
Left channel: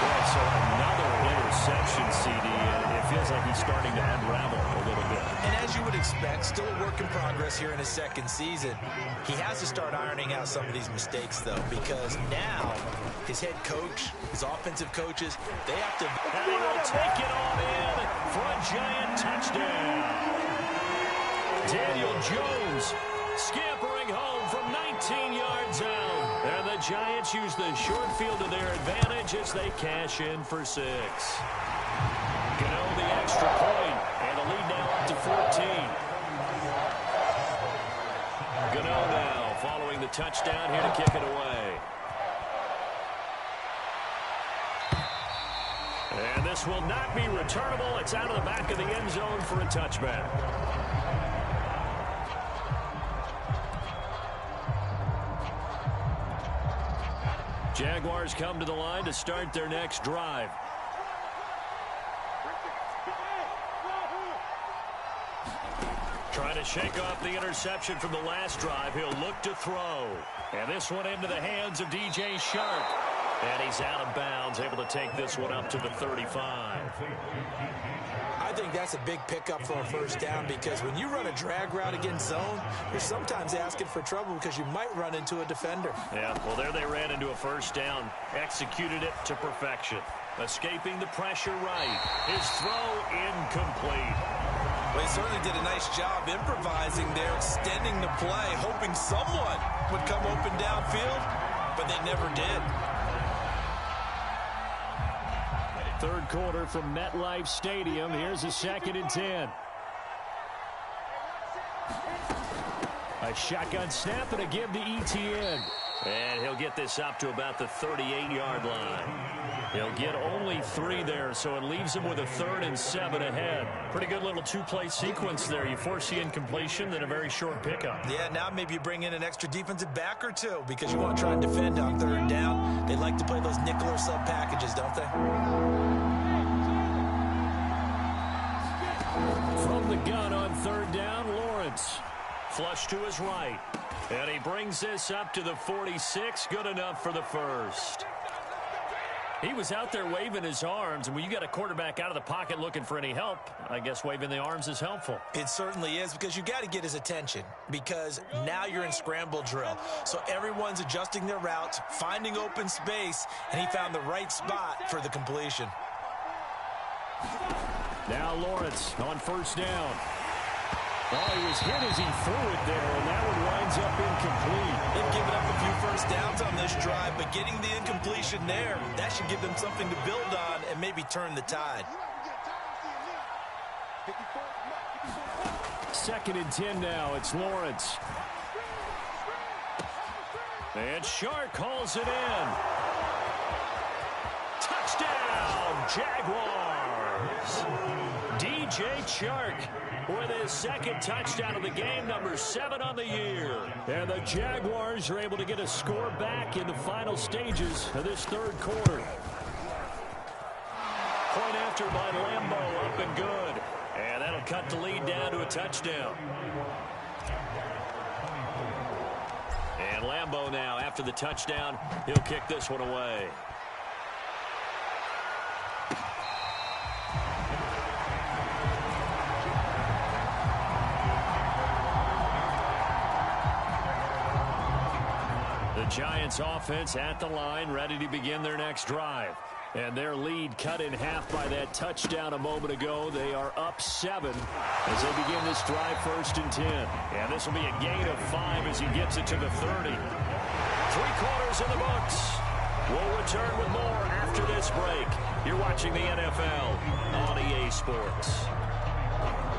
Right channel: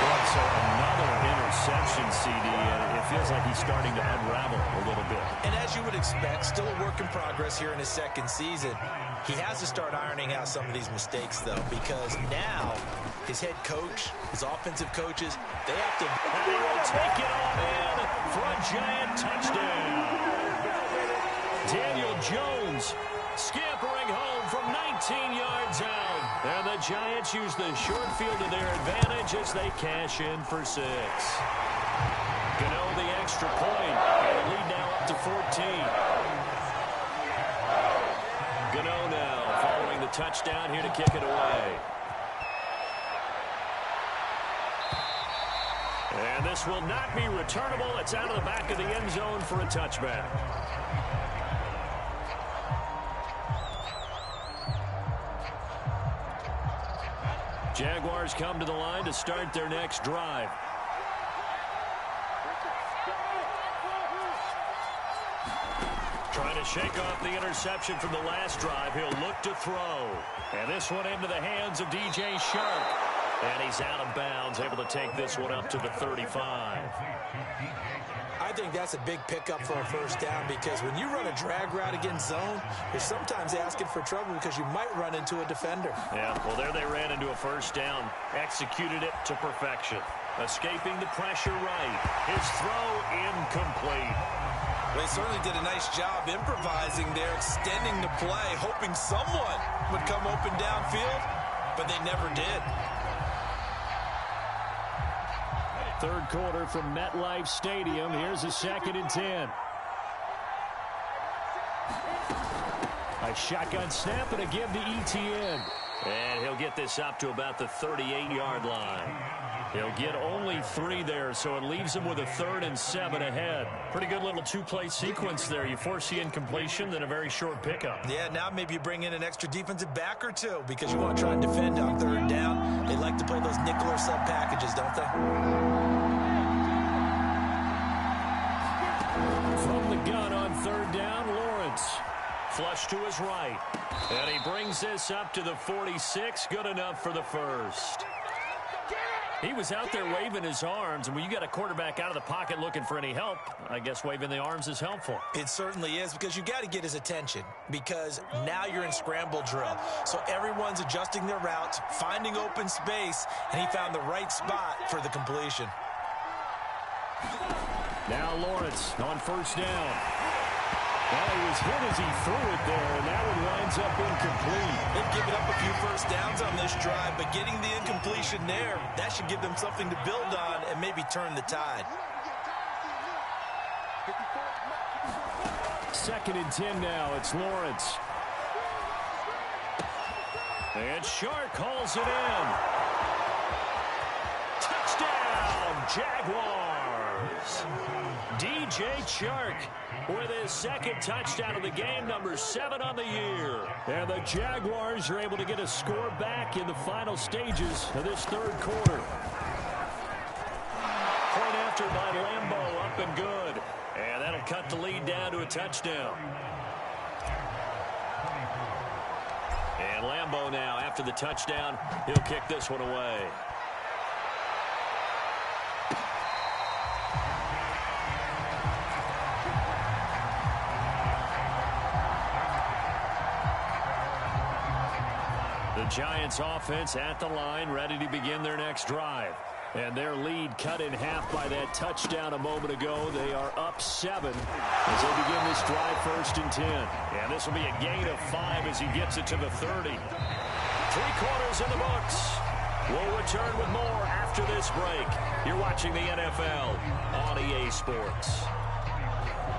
Boy, so another interception, CD, and it feels like he's starting to unravel a little bit. And as you would expect, still a work in progress here in his 2nd season. He has to start ironing out some of these mistakes, though, because now his head coach, his offensive coaches, they have to... And he will take it on in for a giant touchdown. Daniel Jones scampering home from 19 yards out. And the Giants use the short field to their advantage as they cash in for 6. Gano the extra point, and the lead now up to 14. Gano now following the touchdown here to kick it away. And this will not be returnable. It's out of the back of the end zone for a touchback. Jaguars come to the line to start their next drive. Trying to shake off the interception from the last drive. He'll look to throw. And this one into the hands of DJ Shark. And he's out of bounds, able to take this one up to the 35. I think that's a big pickup for a 1st down, because when you run a drag route against zone, you're sometimes asking for trouble because you might run into a defender. Yeah, well, there they ran into a 1st down, executed it to perfection. Escaping the pressure right. His throw incomplete. Well, he certainly did a nice job improvising there, extending the play, hoping someone would come open downfield, but they never did. 3rd quarter from MetLife Stadium. Here's a 2nd and 10. A shotgun snap and a give to Etienne. And he'll get this up to about the 38-yard line. He'll get only 3 there, so it leaves him with a 3rd and 7 ahead. Pretty good little 2-play sequence there. You force the incompletion, then a very short pickup. Yeah, now maybe you bring in an extra defensive back or 2 because you want to try and defend on 3rd down. They like to play those nickel or sub packages, don't they? From the gun on 3rd down, Lawrence. Flush to his right. And he brings this up to the 46. Good enough for the 1st. He was out there waving his arms, and when you got a quarterback out of the pocket looking for any help, I guess waving the arms is helpful. It certainly is, because you got to get his attention, because now you're in scramble drill. So everyone's adjusting their routes, finding open space, and he found the right spot for the completion. Now Lawrence on 1st down. Well, he was hit as he threw it there, and that one winds up incomplete. They've given up a few 1st downs on this drive, but getting the incompletion there, that should give them something to build on and maybe turn the tide. 2nd and 10 now. It's Lawrence. And Shark calls it in. Touchdown, Jaguars. is DJ Chark with his second touchdown of the game, number 7 on the year. And the Jaguars are able to get a score back in the final stages of this third quarter. Point after by Lambeau, up and good. And that'll cut the lead down to a touchdown. And Lambeau now, after the touchdown, he'll kick this one away. The Giants offense at the line, ready to begin their next drive. And their lead cut in half by that touchdown a moment ago. They are up 7 as they begin this drive, 1st and 10. And this will be a gain of 5 as he gets it to the 30. 3 quarters in the books. We'll return with more after this break. You're watching the NFL on EA Sports.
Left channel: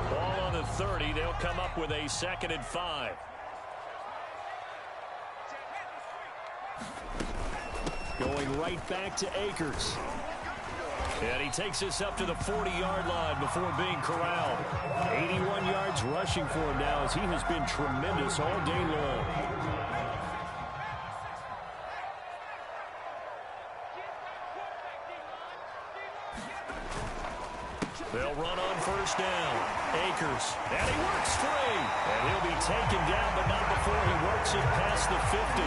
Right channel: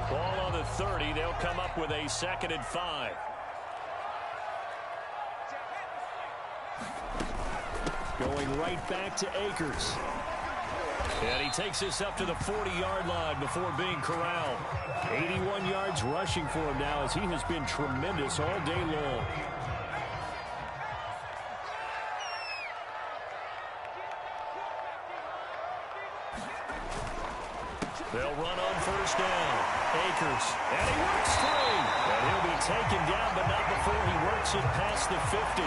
Ball on the 30. They'll come up with a 2nd and 5. Going right back to Akers. And he takes this up to the 40-yard line before being corralled. 81 yards rushing for him now as he has been tremendous all day long. They'll run on 1st down. Akers. And he works 3. And he'll be taken down, but not before he works it past the 50.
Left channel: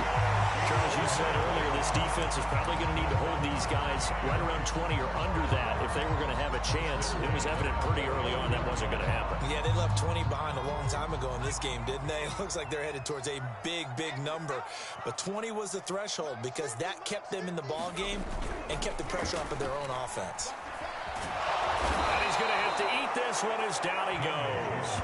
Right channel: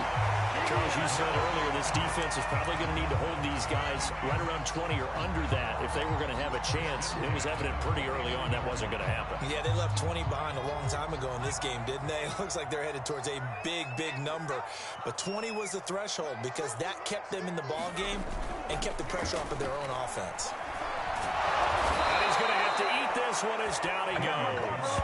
Charles, you said earlier this defense is probably going to need to hold these guys right around 20 or under that if they were going to have a chance. It was evident pretty early on that wasn't going to happen. Yeah, they left 20 behind a long time ago in this game, didn't they? It looks like they're headed towards a big, big number. But 20 was the threshold because that kept them in the ball game and kept the pressure off of their own offense. And he's going to have to eat this one as down he goes.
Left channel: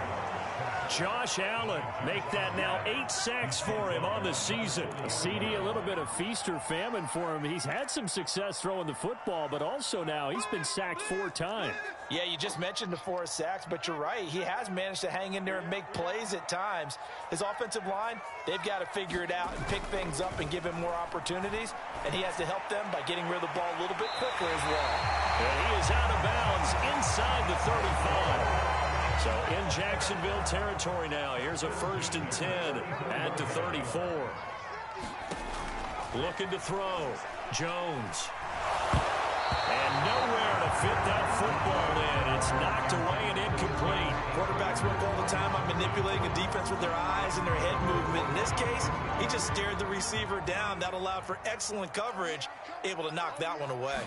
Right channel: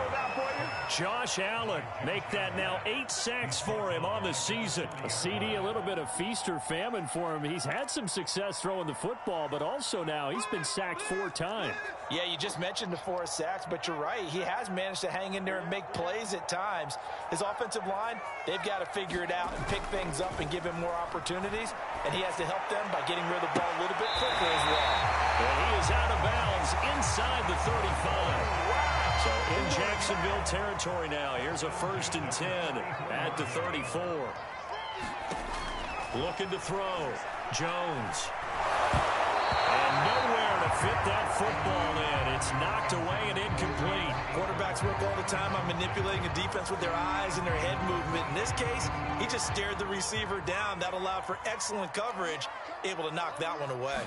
Josh Allen, make that now 8 sacks for him on the season. A CD, a little bit of feast or famine for him. He's had some success throwing the football, but also now he's been sacked 4 times. Yeah, you just mentioned the 4 sacks, but you're right. He has managed to hang in there and make plays at times. His offensive line, they've got to figure it out and pick things up and give him more opportunities, and he has to help them by getting rid of the ball a little bit quicker as well. And he is out of bounds inside the 35. So in Jacksonville territory now. Here's a 1st and 10 at the 34. Looking to throw. Jones. And nowhere to fit that football in. It's knocked away and incomplete. Quarterbacks work all the time on manipulating a defense with their eyes and their head movement. In this case, he just stared the receiver down. That allowed for excellent coverage, able to knock that one away.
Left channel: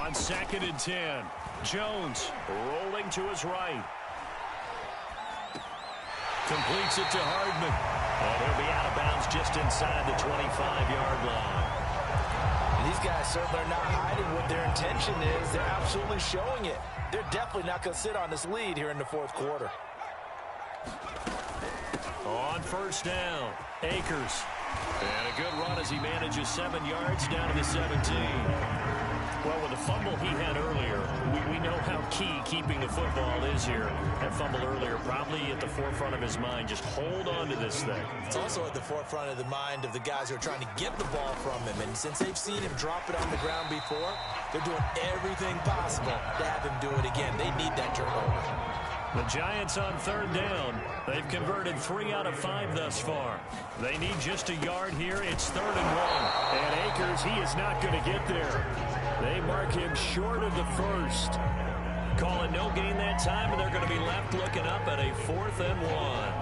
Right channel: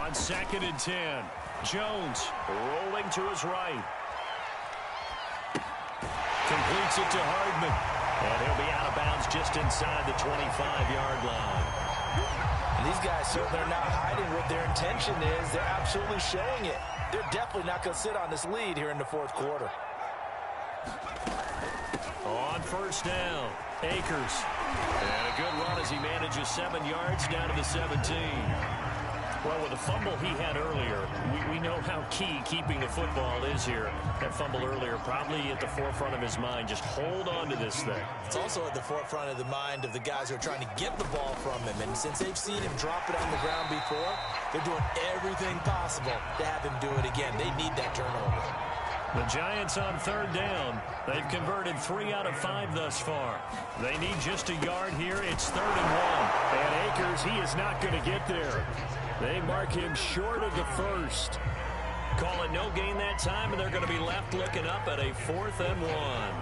On 2nd and 10. Jones rolling to his right. Completes it to Hardman. And he'll be out of bounds just inside the 25-yard line. And these guys certainly are not hiding what their intention is. They're absolutely showing it. They're definitely not going to sit on this lead here in the 4th quarter. On 1st down, Akers. And a good run as he manages 7 yards down to the 17. Well, with the fumble he had earlier, we know how key keeping the football is here. That fumble earlier probably at the forefront of his mind. Just hold on to this thing. It's also at the forefront of the mind of the guys who are trying to get the ball from him. And since they've seen him drop it on the ground before, they're doing everything possible to have him do it again. They need that turnover. The Giants on 3rd down. They've converted 3 out of 5 thus far. They need just a yard here. It's 3rd and 1. And Akers, he is not going to get there. They mark him short of the 1st. Call it no gain that time, and they're going to be left looking up at a 4th and 1.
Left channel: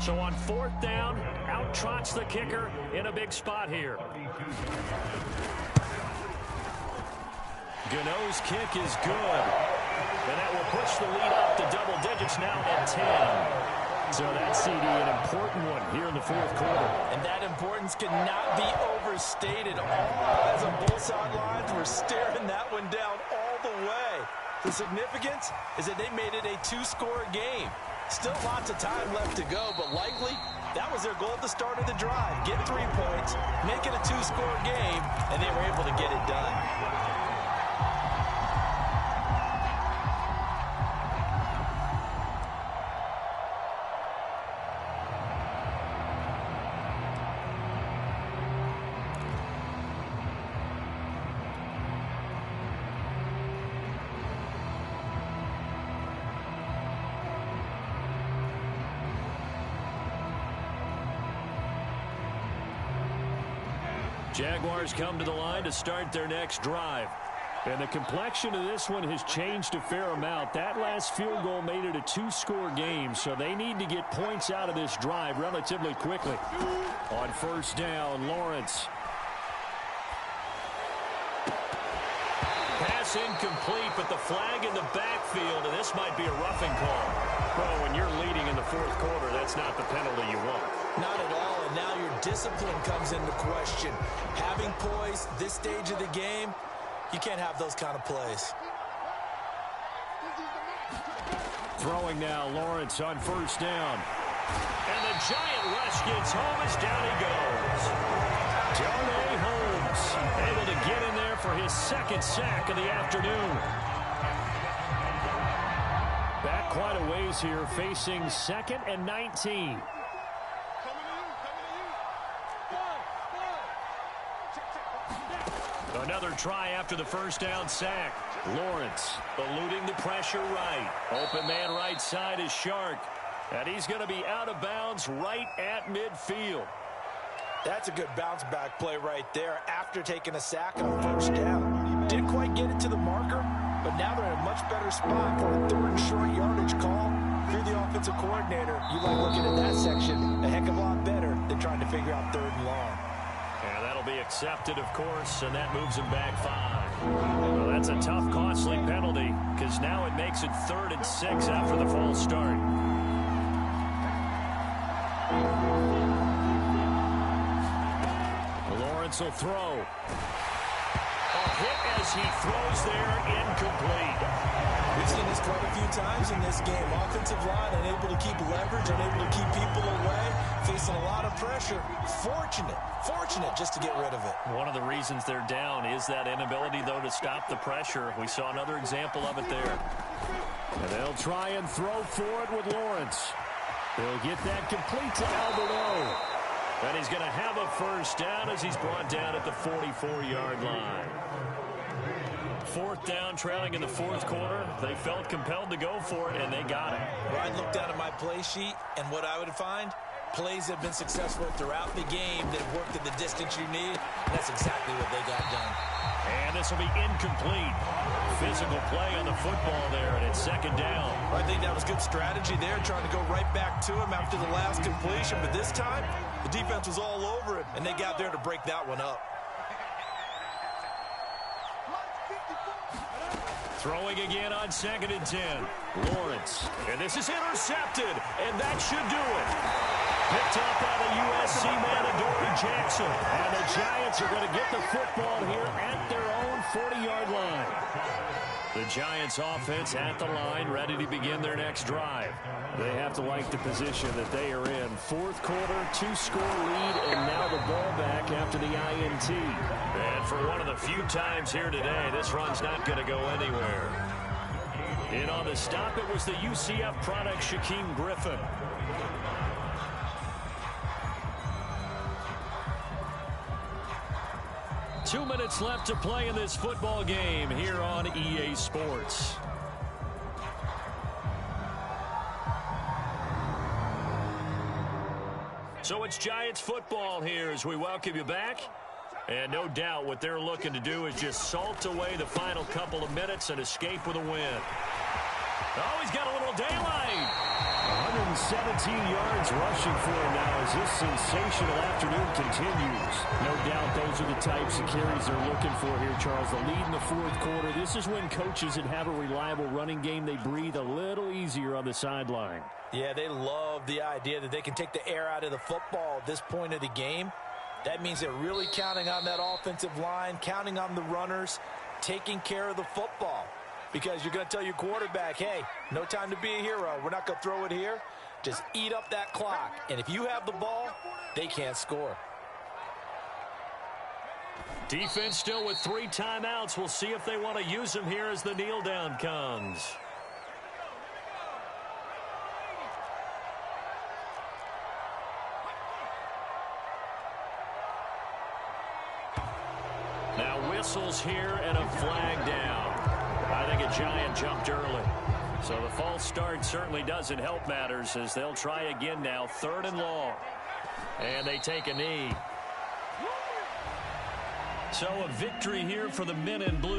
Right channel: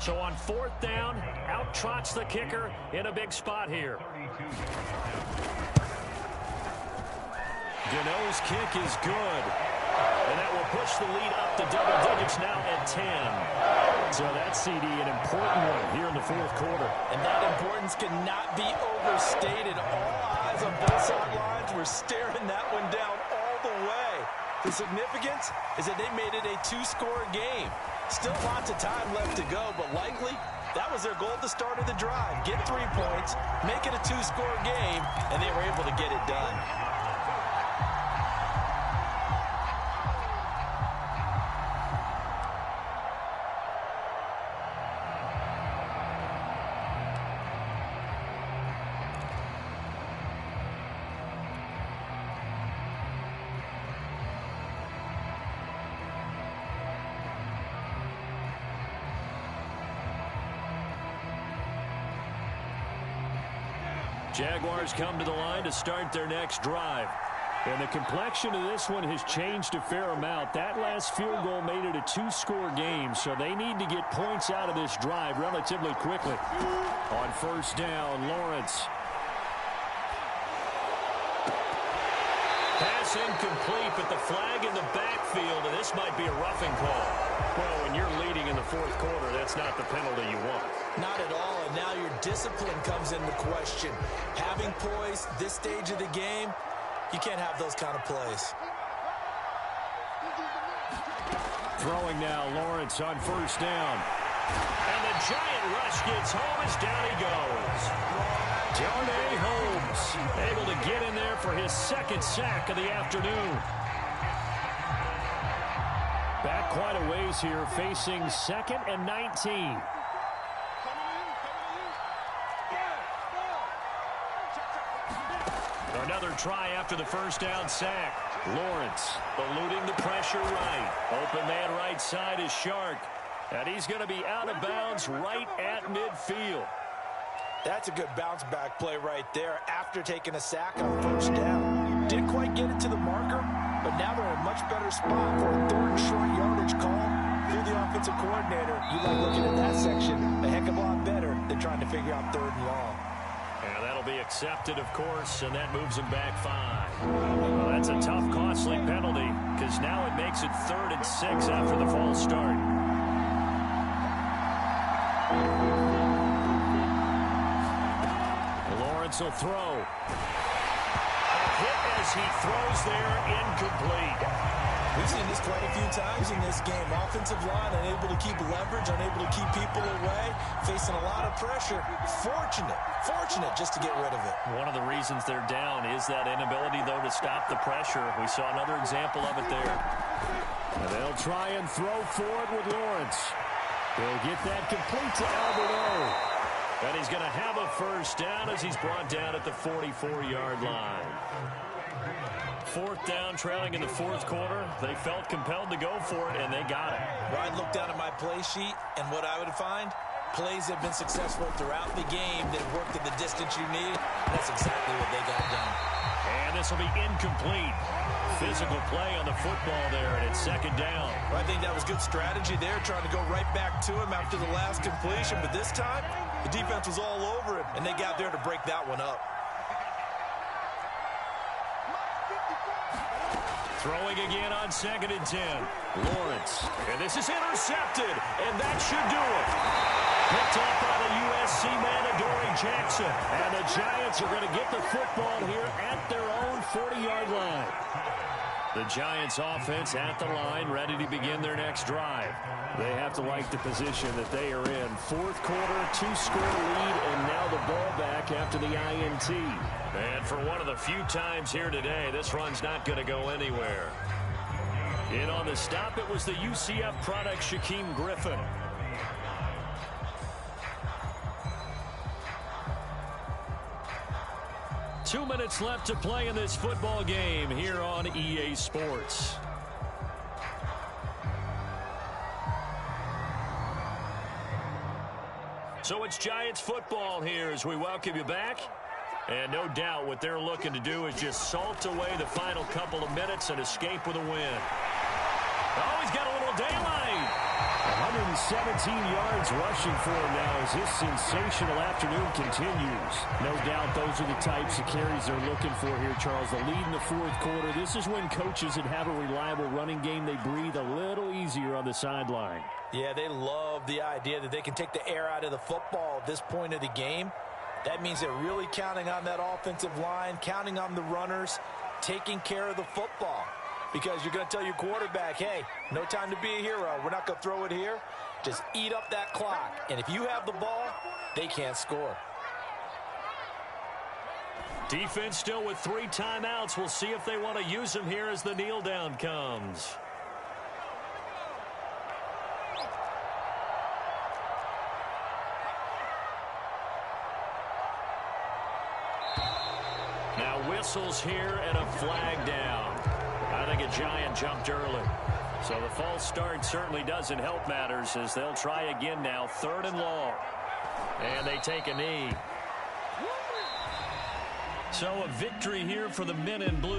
So on 4th down, out trots the kicker in a big spot here. Gano's kick is good. And that will push the lead up to double digits now at 10. So that CD, an important one here in the 4th quarter. And that importance cannot be overstated. All eyes on both sidelines were staring that one down all the way. The significance is that they made it a 2-score game. Still lots of time left to go, but likely that was their goal at the start of the drive. Get 3 points, make it a 2-score game, and they were able to get it done. Jaguars come to the line to start their next drive. And the complexion of this one has changed a fair amount. That last field goal made it a two-score game, so they need to get points out of this drive relatively quickly. On first down, Lawrence. Pass incomplete, but the flag in the backfield, and this might be a roughing call. Well, when you're leading in the fourth quarter, that's not the penalty you want. Not at all, and now your discipline comes into question. Having poise this stage of the game, you can't have those kind of plays. Throwing now, Lawrence on first down. And the giant rush gets home as down he goes. Darnay Holmes able to get in there for his second sack of the afternoon. Back quite a ways here, facing 2nd and 19. Another try after the first down sack. Lawrence eluding the pressure right. Open man right side is Shark. And he's going to be out of bounds right at midfield. That's a good bounce back play right there after taking a sack on first down. Didn't quite get it to the marker, but now they're in a much better spot for a 3rd and short yardage call. If you're the offensive coordinator, you like looking at that section a heck of a lot better than trying to figure out 3rd and long. And that'll be accepted, of course, and that moves him back 5. Well, that's a tough, costly penalty because now it makes it 3rd and 6 after the false start. Lawrence will throw. A hit as he throws there, incomplete. We've seen this quite a few times in this game. Offensive line unable to keep leverage, unable to keep people away, facing a lot of pressure. Fortunate just to get rid of it. One of the reasons they're down is that inability, though, to stop the pressure. We saw another example of it there. And they'll try and throw for it with Lawrence. He'll get that complete to Alberto. And he's going to have a first down as he's brought down at the 44-yard line. 4th down, trailing in the fourth quarter. They felt compelled to go for it, and they got it. Well, I'd look down at my play sheet, and what I would find, plays have been successful throughout the game that have worked at the distance you need. And that's exactly what they got done. And this will be incomplete. Physical play on the football there, and it's 2nd down. Well, I think that was good strategy there, trying to go right back to him after the last completion. But this time, the defense was all over him, and they got there to break that one up. Throwing again on 2nd and 10. Lawrence. And this is intercepted, and that should do it. Picked up by the USC man, Adoree Jackson. And the Giants are going to get the football here at their own 40-yard line. The Giants offense at the line, ready to begin their next drive. They have to like the position that they are in. Fourth quarter, 2-score lead, and now the ball back after the INT. And for one of the few times here today, this run's not going to go anywhere. In on the stop, it was the UCF product, Shaquem Griffin. Two minutes left to play in this football game here on EA Sports. So it's Giants football here as we welcome you back. And no doubt what they're looking to do is just salt away the final couple of minutes and escape with a win. Oh, he's got a little daylight. 117 yards rushing for him now as this sensational afternoon continues. No doubt those are the types of carries they're looking for here, Charles. The lead in the fourth quarter. This is when coaches that have a reliable running game, they breathe a little easier on the sideline. Yeah, they love the idea that they can take the air out of the football at this point of the game. That means they're really counting on that offensive line, counting on the runners, taking care of the football. Because you're going to tell your quarterback, hey, no time to be a hero. We're not going to throw it here. Just eat up that clock. And if you have the ball, they can't score. Defense still with 3 timeouts. We'll see if they want to use them here as the kneel down comes. Now whistles here and a flag down. I think a Giant jumped early. So the false start certainly doesn't help matters as they'll try again now. 3rd and long. And they take a knee. So a victory here for the men in blue.